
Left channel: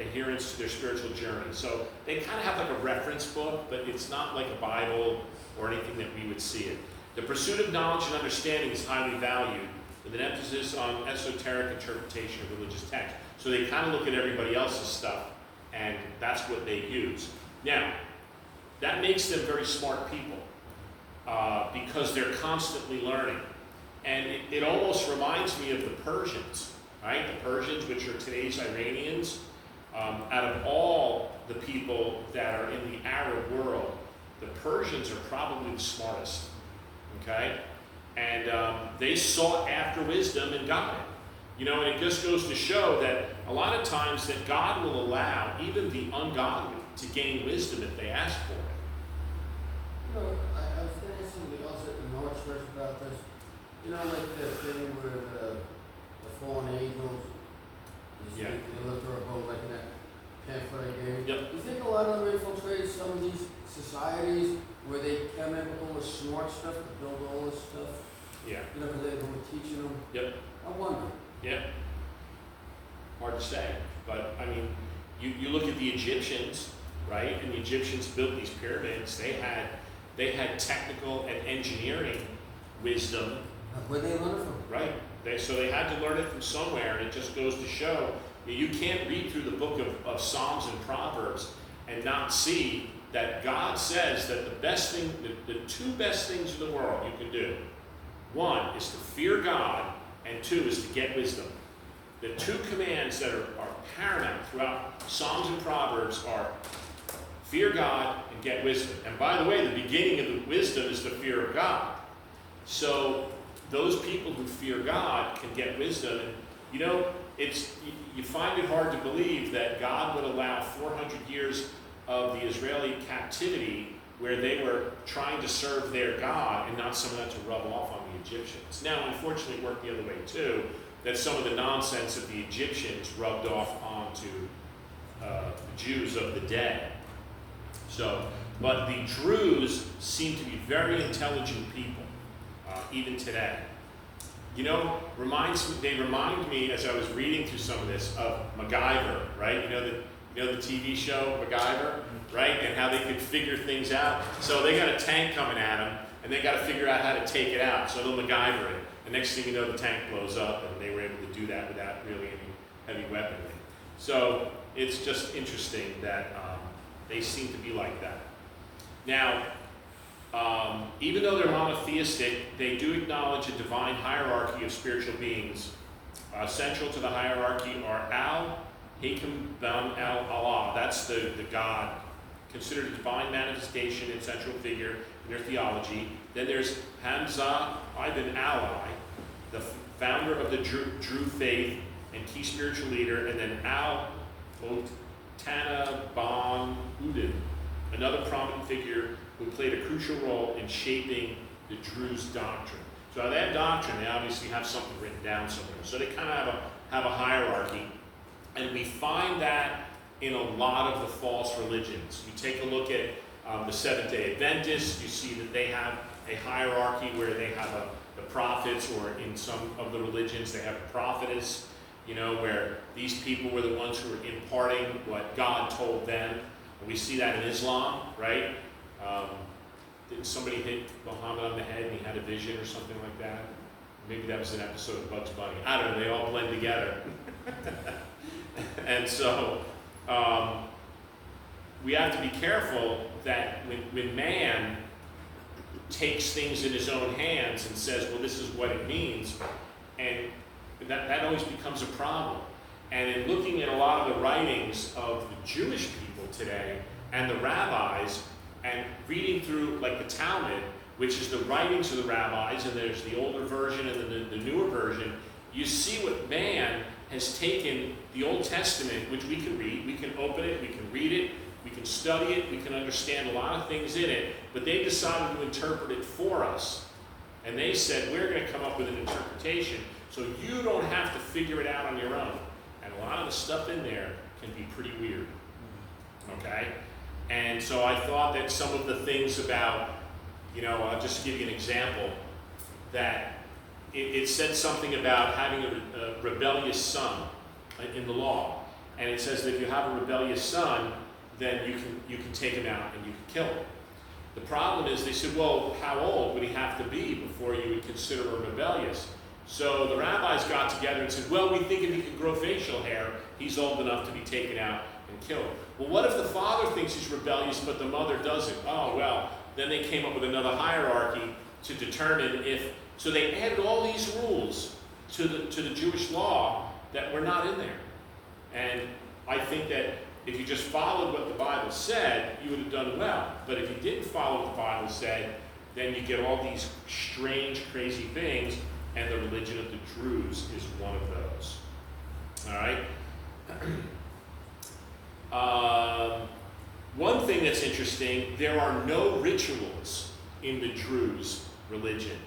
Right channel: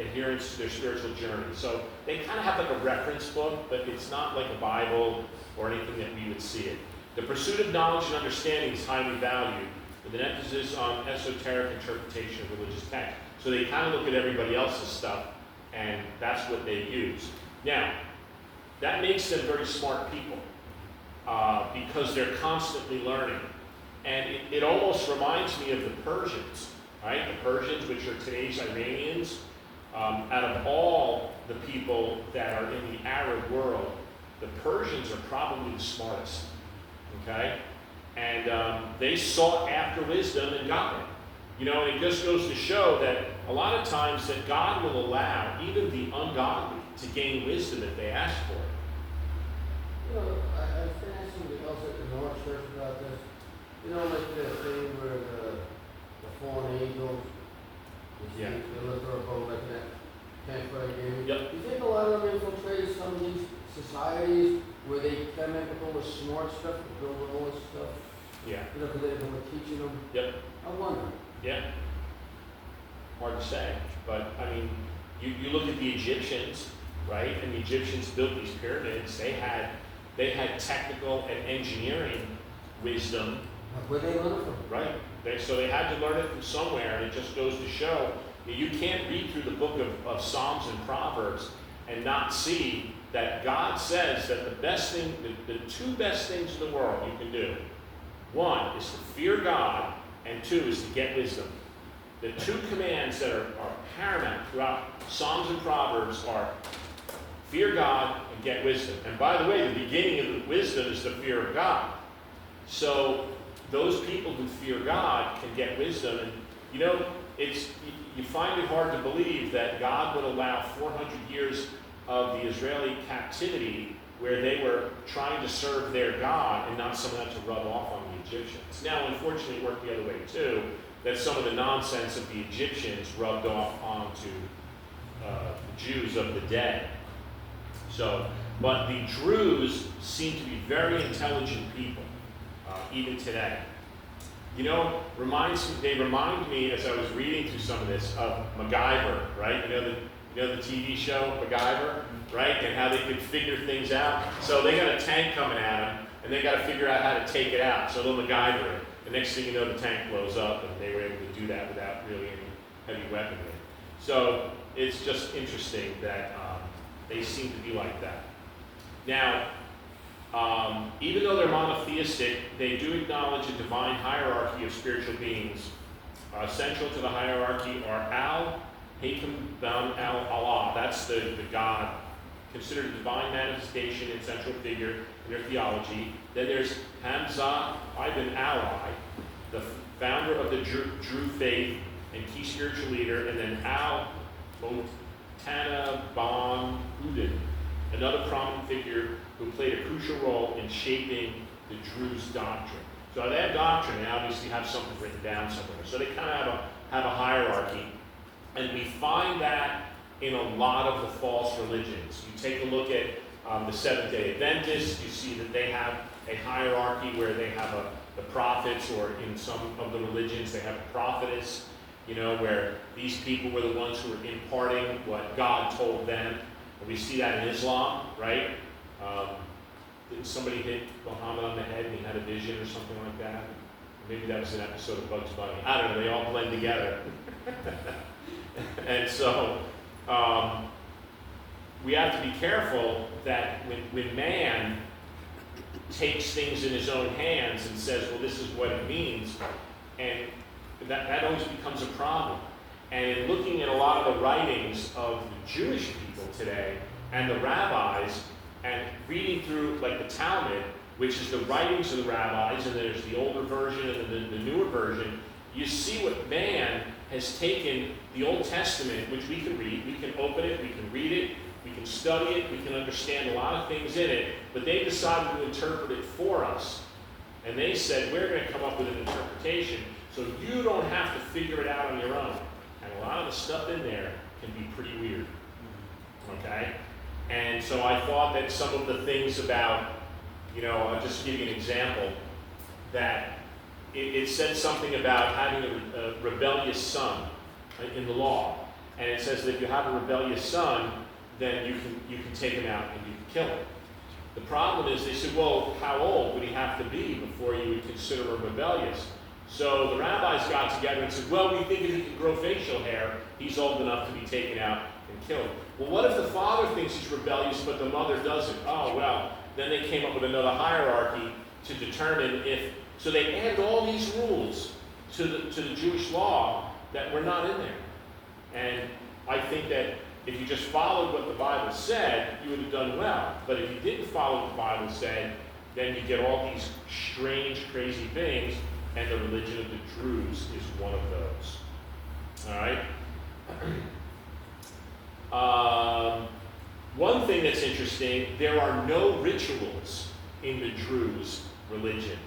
adherents to their spiritual journey. So they kind of have like a reference book, but it's not like a Bible or anything that we would see it. The pursuit of knowledge and understanding is highly valued, with an emphasis on esoteric interpretation of religious texts. So they kind of look at everybody else's stuff, and that's what they use. Now, that makes them very smart people, because they're constantly learning. And it almost reminds me of the Persians, right? The Persians, which are today's Iranians. Out of all the people that are in the Arab world, the Persians are probably the smartest, okay? And they sought after wisdom and got it. You know, and it just goes to show that a lot of times that God will allow even the ungodly to gain wisdom if they ask for it. You know, I was going to ask somebody else at the North Church about this. You know, like the thing where the fallen angels, Yeah. they lift her above like in that pamphlet I gave you. Yep. Do you think a lot of them infiltrated some of these societies where they come in with all the smart stuff to build all this stuff? Yeah. You know, because they were teaching them. Yep. I wonder. Yeah. Hard to say, but I mean, you look at the Egyptians, right? And the Egyptians built these pyramids. They had technical and engineering wisdom, Where they learn it from? right? So they had to learn it from somewhere, and it just goes to show that you can't read through the book of Psalms and Proverbs and not see that God says that the best thing, the two best things in the world you can do, one is to fear God, and two is to get wisdom. The two commands that are paramount throughout Psalms and Proverbs are fear God and get wisdom. And by the way, the beginning of the wisdom is the fear of God. So those people who fear God can get wisdom. And you know, you find it hard to believe that God would allow 400 years of the Israeli captivity where they were trying to serve their God and not someone had to rub off on the Egyptians. Now, unfortunately, it worked the other way too, that some of the nonsense of the Egyptians rubbed off onto Jews of the day. So, but the Druze seem to be very intelligent people, even today. You know, they remind me as I was reading through some of this of MacGyver, right? You know the TV show MacGyver, right? And how they could figure things out. So they got a tank coming at them, and they got to figure out how to take it out. So they'll MacGyver it. The next thing you know, the tank blows up, and they were able to do that without really any heavy weaponry. So it's just interesting that they seem to be like that. Now, even though they're monotheistic, they do acknowledge a divine hierarchy of spiritual beings. Central to the hierarchy are Al, Hakam, Bam, Allah. That's the God, considered a divine manifestation and central figure in their theology. Then there's Hamza ibn Ali, the founder of the Druze faith and key spiritual leader, and then Al-Mutana Ban Udin, another prominent figure who played a crucial role in shaping the Druze doctrine. So that doctrine, they obviously have something written down somewhere. So they kind of have a hierarchy, and we find that in a lot of the false religions. You take a look at the Seventh-day Adventists, you see that they have a hierarchy where they have the prophets, or in some of the religions they have a prophetess, you know, where these people were the ones who were imparting what God told them. And we see that in Islam, right? Didn't somebody hit Muhammad on the head and he had a vision or something like that? Maybe that was an episode of Bugs Bunny. I don't know, they all blend together. And so, we have to be careful that when man takes things in his own hands and says, well, this is what it means, and that always becomes a problem. And in looking at a lot of the writings of the Jewish people today and the rabbis, and reading through like the Talmud, which is the writings of the rabbis, and there's the older version and then the newer version, you see what man has taken the Old Testament, which we can read, we can open it, we can read it, we can study it, we can understand a lot of things in it, but they decided to interpret it for us. And they said, we're going to come up with an interpretation so you don't have to figure it out on your own. And a lot of the stuff in there can be pretty weird. Okay? And so I thought that some of the things about, you know, I'll just give you an example, that it said something about having a rebellious son in the law. And it says that if you have a rebellious son, then you can take him out and you can kill him. The problem is, they said, well, how old would he have to be before you would consider him rebellious? So the rabbis got together and said, well, we think if he can grow facial hair, he's old enough to be taken out and killed. Well, what if the father thinks he's rebellious, but the mother doesn't? Oh, well, then they came up with another hierarchy to determine if, so they added all these rules to the Jewish law that were not in there. And I think that if you just followed what the Bible said, you would have done well. But if you didn't follow what the Bible said, then you get all these strange, crazy things, and the religion of the Druze is one of those. All right? One thing that's interesting, there are no rituals in the Druze religion.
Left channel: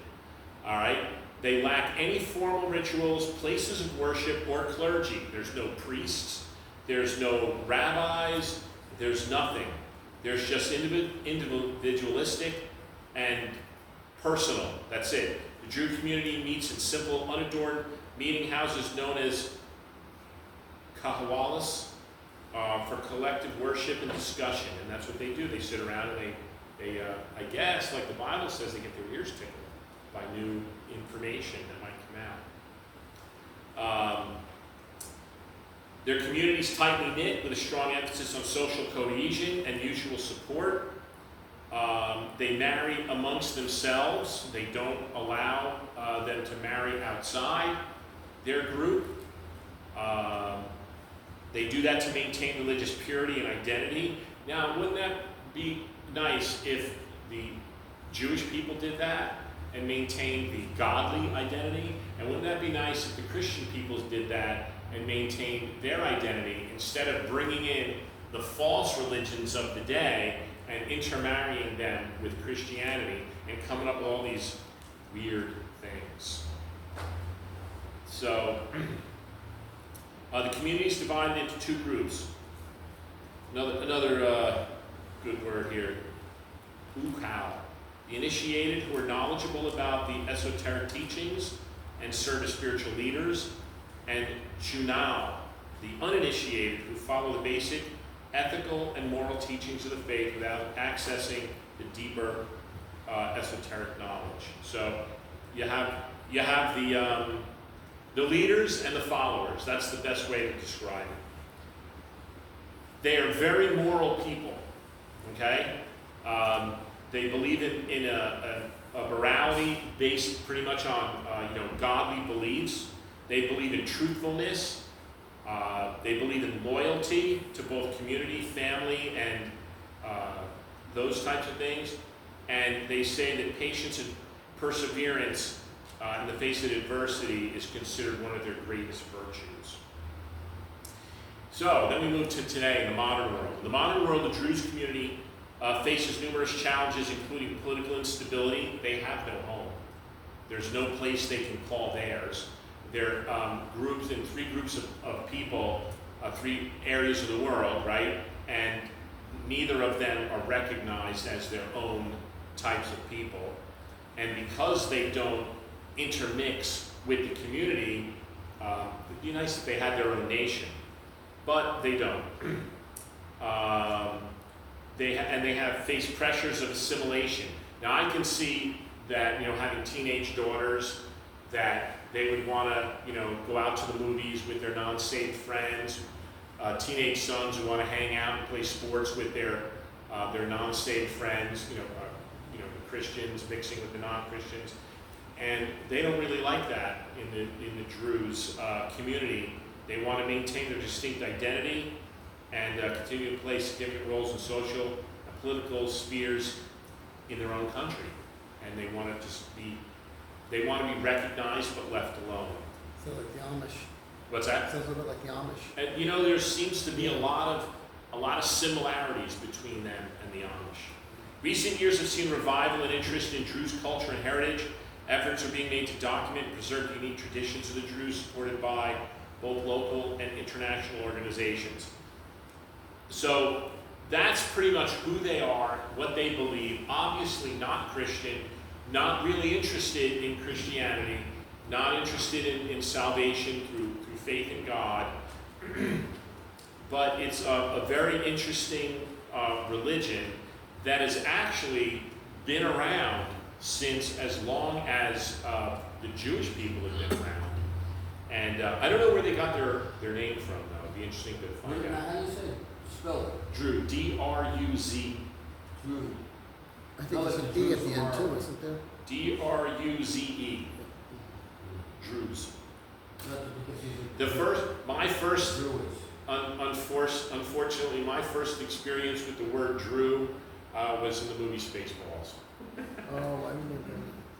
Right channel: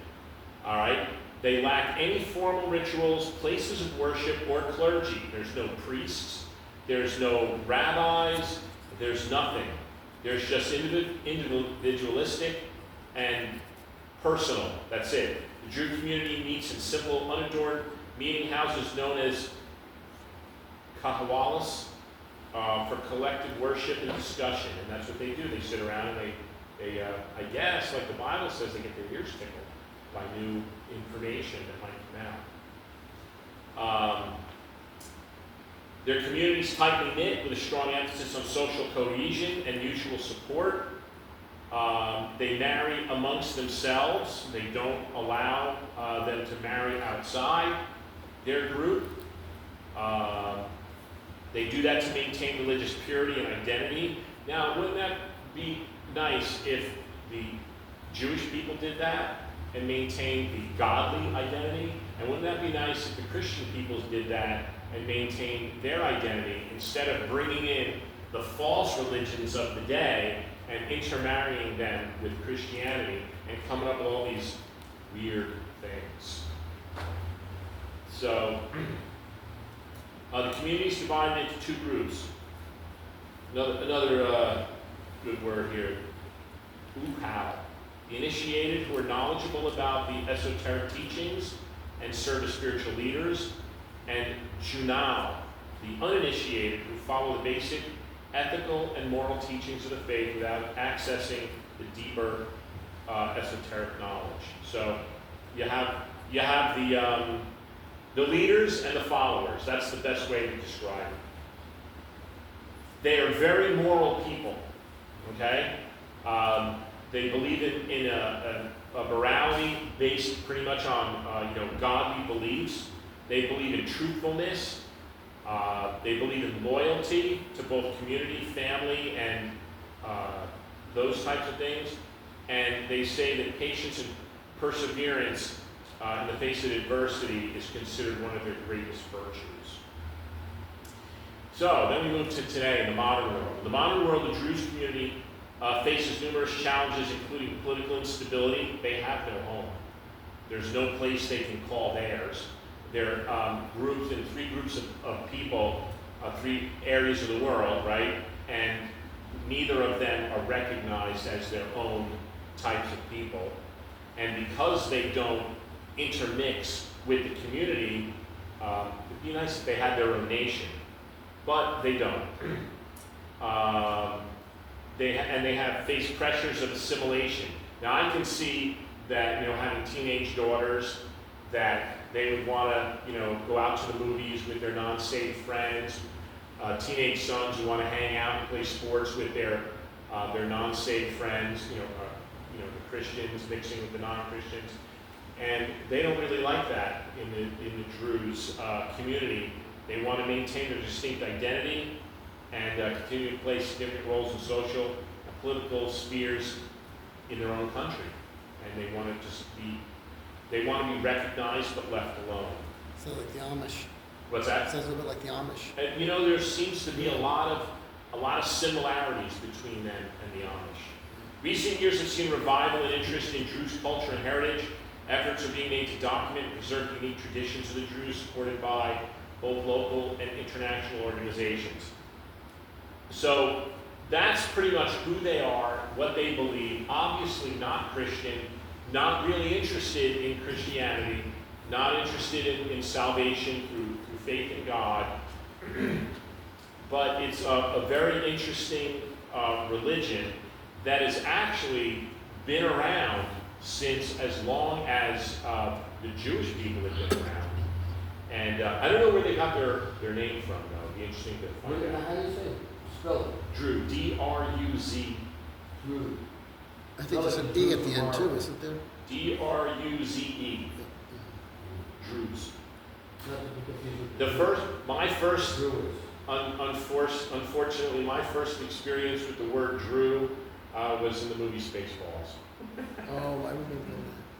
All right? They lack any formal rituals, places of worship, or clergy. There's no priests. There's no rabbis. There's nothing. There's just individualistic and personal. That's it. The Jew community meets in simple, unadorned meeting houses known as kahwalas for collective worship and discussion. And that's what they do. They sit around and they I guess, like the Bible says, they get their ears tickled by new information that might come out. Their community is tightly knit with a strong emphasis on social cohesion and mutual support. They marry amongst themselves. They don't allow them to marry outside their group. They do that to maintain religious purity and identity. Now, wouldn't that be nice if the Jewish people did that and maintained the godly identity? And wouldn't that be nice if the Christian peoples did that and maintained their identity instead of bringing in the false religions of the day and intermarrying them with Christianity and coming up with all these weird things? So, the community is divided into two groups. Another good word here, ukal. The initiated who are knowledgeable about the esoteric teachings and serve as spiritual leaders, and junao, the uninitiated who follow the basic ethical and moral teachings of the faith without accessing the deeper esoteric knowledge. So you have the leaders and the followers. That's the best way to describe it. They are very moral people. Okay, they believe in a morality based pretty much on godly beliefs. They believe in truthfulness. They believe in loyalty to both community, family, and those types of things. And they say that patience and perseverance in the face of adversity is considered one of their greatest virtues. So then we move to today, in the modern world. In the modern world, the Druze community faces numerous challenges, including political instability. They have no home. There's no place they can call theirs. They're grouped in three groups of people, three areas of the world, right? And neither of them are recognized as their own types of people. And because they don't intermix with the community, it'd be nice if they had their own nation, but they don't. They have faced pressures of assimilation. Now I can see that, having teenage daughters, that they would want to, go out to the movies with their non-saved friends. Teenage sons who want to hang out and play sports with their non-saved friends. The Christians mixing with the non-Christians, and they don't really like that in the Druze community. They want to maintain their distinct identity and continue to play significant roles in social and political spheres in their own country, and they want to be recognized but left alone. So like the Amish. What's that? Sounds a little bit like the Amish. And there seems to be a lot of similarities between them and the Amish. Recent years have seen revival and interest in Druze culture and heritage. Efforts are being made to document and preserve the unique traditions of the Druze, supported by both local and international organizations. So that's pretty much who they are, what they believe. Obviously not Christian, not really interested in Christianity, not interested in salvation through faith in God. But it's a very interesting religion that has actually been around since as long as the Jewish people have been around. And I don't know where they got their name from, though. It'd be interesting to find out. How do you say, spell it? Drew, D-R-U-Z. Drew. I think there's a D at the end too, isn't there? D-R-U-Z-E. Druze. Not to be confused with. My first, Drew is. unfortunately, my first experience with the word Drew was in the movie Spaceballs. Oh, I remember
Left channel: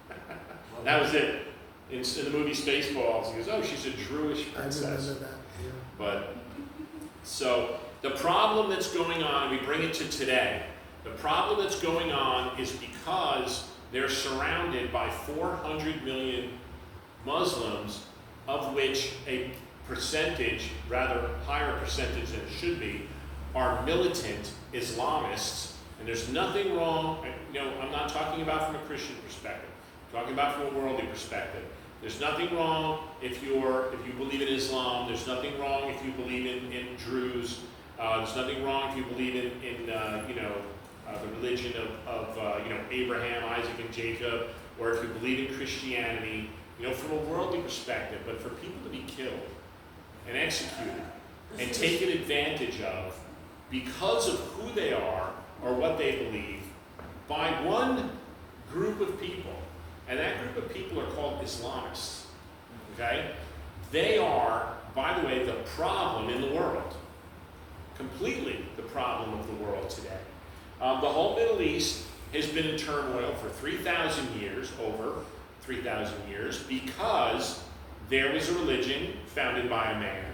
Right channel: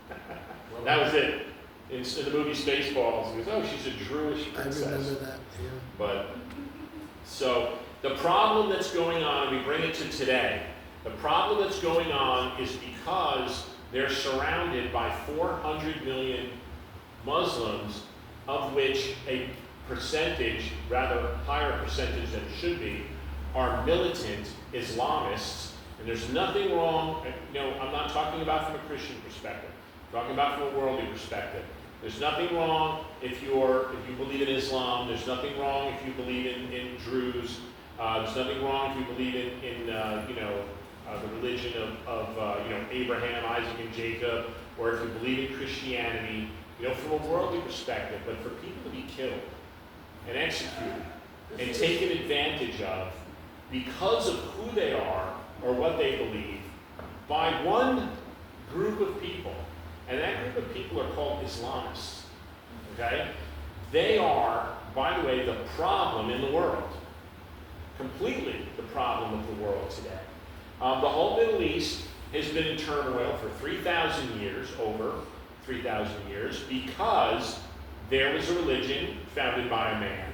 that. That was it. In the movie Spaceballs, he goes, "Oh, she's a Druish I princess." remember that, yeah. But, so, the problem that's going on, and we bring it to today, the problem that's going on is because they're surrounded by 400 million Muslims, of which a percentage, rather higher percentage than it should be, are militant Islamists. And there's nothing wrong, I'm not talking about from a Christian perspective, I'm talking about from a worldly perspective. There's nothing wrong if you believe in Islam. There's nothing wrong if you believe in Druze. There's nothing wrong if you believe in the religion of Abraham, Isaac, and Jacob, or if you believe in Christianity. From a worldly perspective, but for people to be killed and executed and taken advantage of because of who they are or what they believe by one group of people, and that group of people are called Islamists, okay? They are, by the way, the problem in the world. Completely the problem of the world today. The whole Middle East has been in turmoil for 3,000 years, over 3,000 years, because there was a religion founded by a man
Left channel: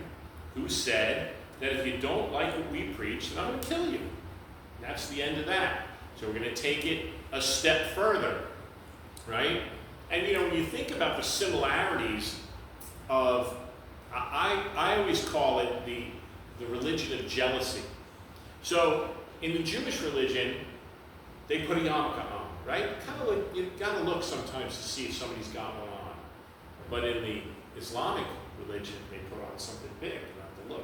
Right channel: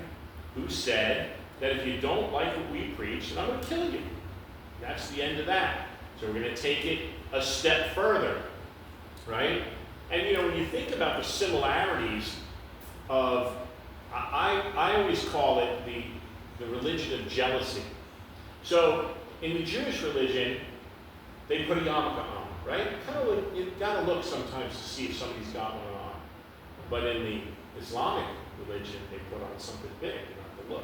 who said that if you don't like what we preach, then I'm going to kill you. That's the end of that. So we're going to take it a step further, right? And when you think about the similarities of, I always call it the religion of jealousy. So in the Jewish religion, they put a yarmulke on, right? You've got to look sometimes to see if somebody's got one on. But in the Islamic religion, they put on something big. You have to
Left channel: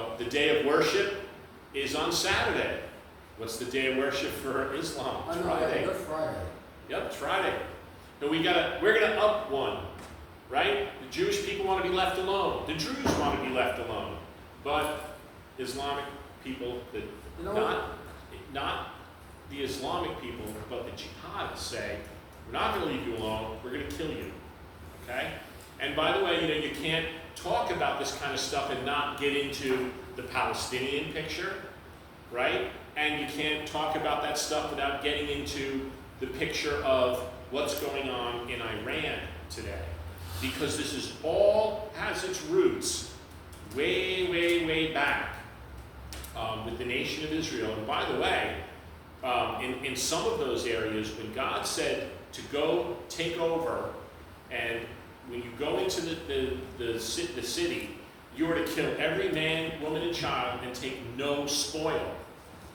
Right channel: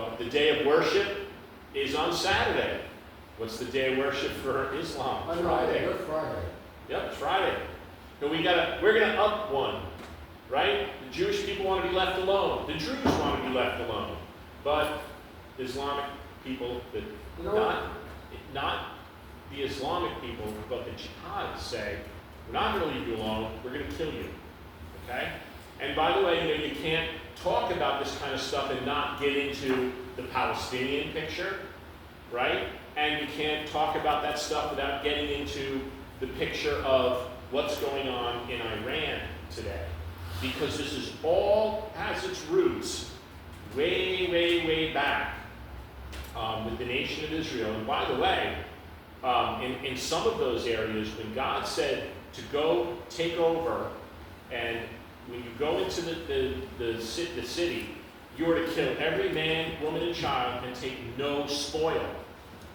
look. The day of worship is on Saturday. What's the day of worship for Islam? Friday. That's Friday. Yep, it's Friday. So we're gonna up one, right? The Jewish people want to be left alone. The Jews want to be left alone. But Islamic people, not the Islamic people, but the jihadists say, we're not going to leave you alone, we're going to kill you. Okay? And by the way, you can't talk about this kind of stuff and not get into the Palestinian picture, right? And you can't talk about that stuff without getting into the picture of what's going on in Iran today. Because this is all has its roots way, way, way back with the nation of Israel. And by the way, in some of those areas, when God said to go take over, and when you go into the city, you are to kill every man, woman, and child and take no spoil.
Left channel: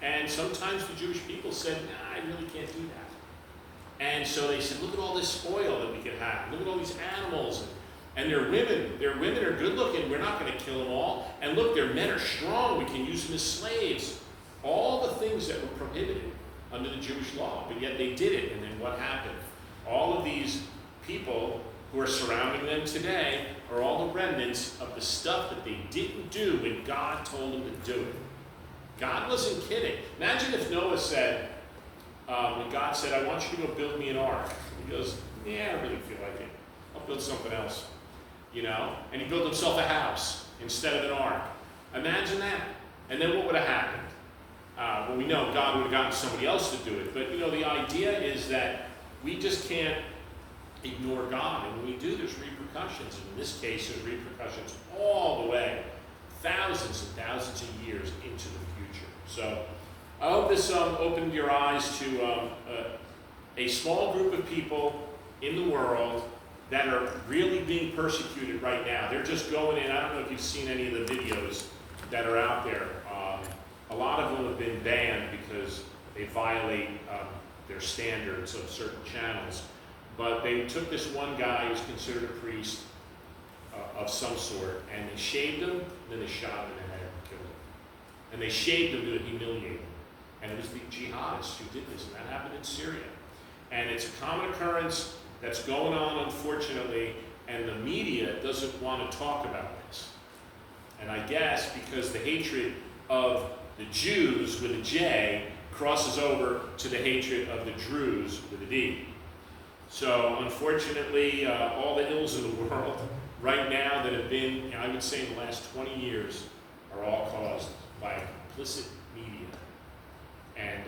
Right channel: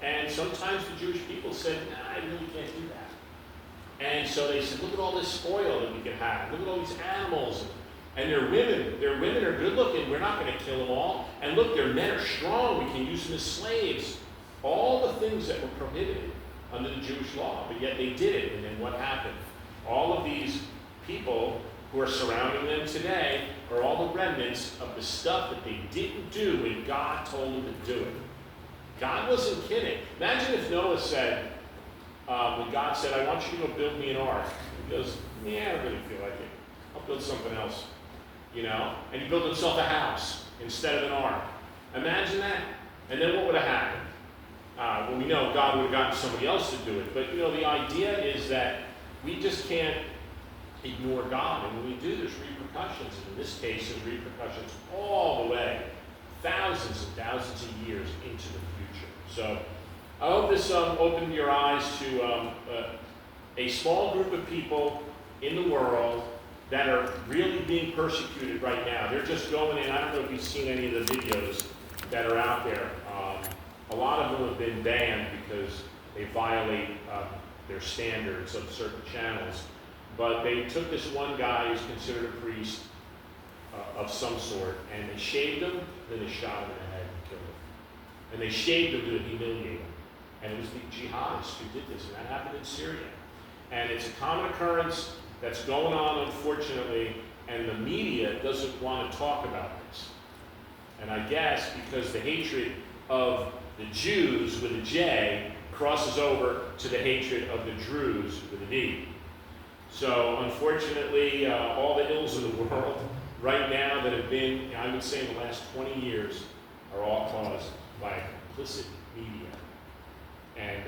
And sometimes the Jewish people said, nah, I really can't do that. And so they said, look at all this spoil that we can have. Look at all these animals. And their women are good looking. We're not going to kill them all. And look, their men are strong. We can use them as slaves. All the things that were prohibited under the Jewish law, but yet they did it. And then what happened? All of these people who are surrounding them today are all the remnants of the stuff that they didn't do when God told them to do it. God wasn't kidding. Imagine if Noah said, when God said, I want you to go build me an ark. He goes, yeah, I don't really feel like it. I'll build something else. And he built himself a house instead of an ark. Imagine that. And then what would have happened? Well, we know God would have gotten somebody else to do it. But, the idea is that we just can't ignore God. And when we do, there's repercussions. And in this case, there's repercussions all the way, thousands and thousands of years into the future. So I hope this opened your eyes to a small group of people in the world that are really being persecuted right now. They're just going in. I don't know if you've seen any of the videos that are out there. A lot of them have been banned because they violate their standards of certain channels. But they took this one guy who's considered a priest of some sort, and they shaved him, then they shot him in the head and killed him. And they shaved him to humiliate him. And it was the jihadists who did this, and that happened in Syria. And it's a common occurrence that's going on, unfortunately, and the media doesn't want to talk about this. And I guess because the hatred of the Jews with a J crosses over to the hatred of the Druze with a D. So unfortunately, all the ills in the world right now that have been, I would say in the last 20 years, are all caused by a complicit media. And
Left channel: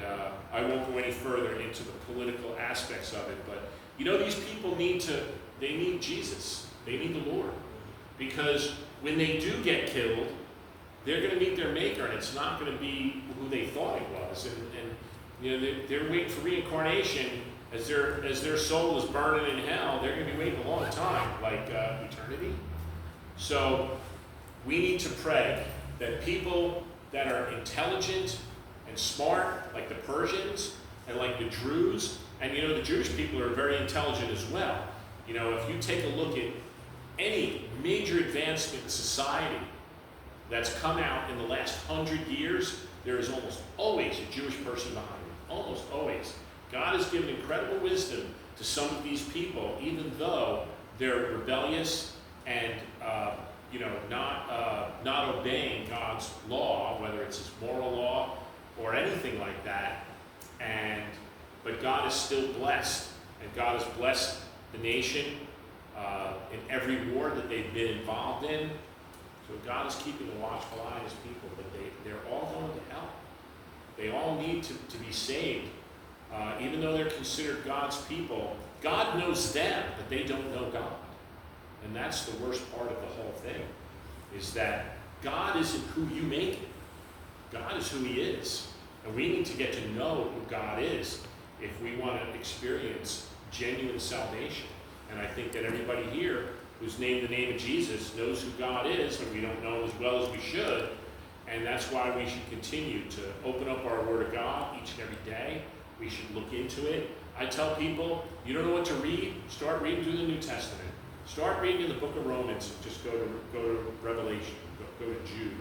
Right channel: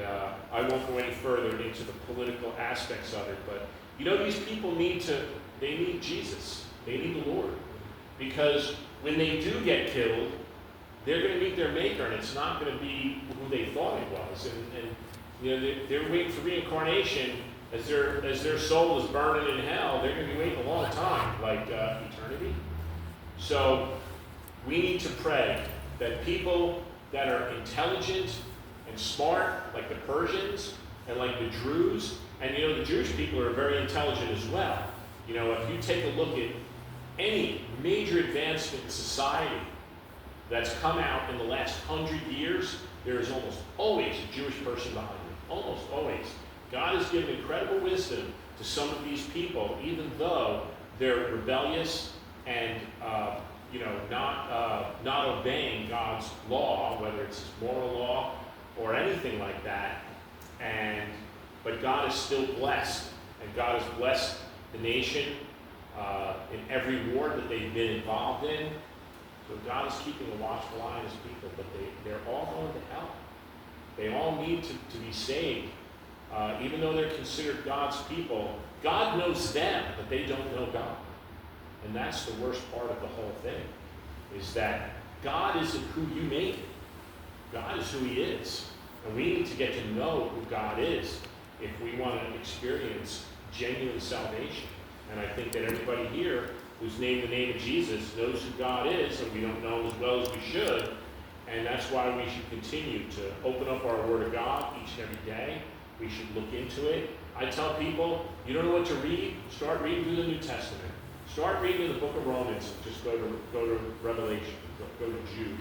I won't go any further into the political aspects of it, but you know, these people they need Jesus. They need the Lord. Because when they do get killed, they're going to meet their Maker, and it's not going to be who they thought it was. And you know, they're waiting for reincarnation. As their soul is burning in hell, they're going to be waiting a long time, like eternity. So we need to pray that people that are intelligent and smart, like the Persians and like the Druze, and you know, the Jewish people are very intelligent as well. You know, if you take a look at any major advancement in society that's come out in the last 100 years, there is almost always a Jewish person behind it. Almost always. God has given incredible wisdom to some of these people, even though they're rebellious and not obeying God's law, whether it's His moral law or anything like that. But God is still blessed, and God has blessed the nation in every war that they've been involved in. So God is keeping a watchful eye on His people, but they're all going to hell. They all need to be saved. Even though they're considered God's people, God knows them, but they don't know God. And that's the worst part of the whole thing, is that God isn't who you made him. God is who He is. And we need to get to know who God is if we want to experience genuine salvation. And I think that everybody here who's named the name of Jesus knows who God is, and we don't know Him as well as we should. And that's why we should continue to open up our Word of God each and every day. We should look into it. I tell people, you don't know what to read? Start reading through the New Testament. Start reading the book of Romans. Just go to Revelation. Go to Jude.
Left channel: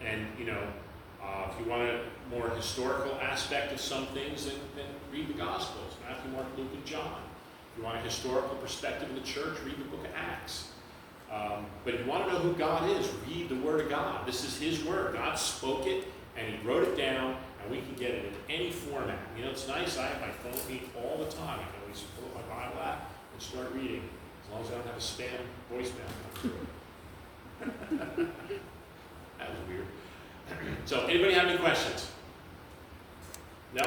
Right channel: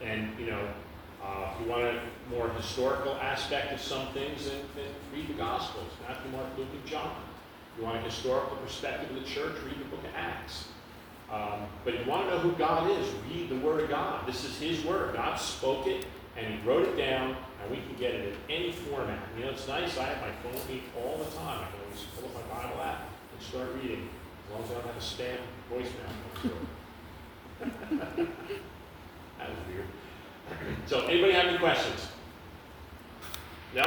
If you want a more historical aspect of some things, then read the Gospels, Matthew, Mark, Luke, and John. If you want a historical perspective of the church, read the book of Acts. But if you want to know who God is, read the Word of God. This is His Word. God spoke it, and He wrote it down, and we can get it in any format. You know, it's nice. I have my phone with me all the time. I can always pull up my Bible app and start reading, as long as I don't have a spam voicemail. That was weird. So, anybody have any questions? No?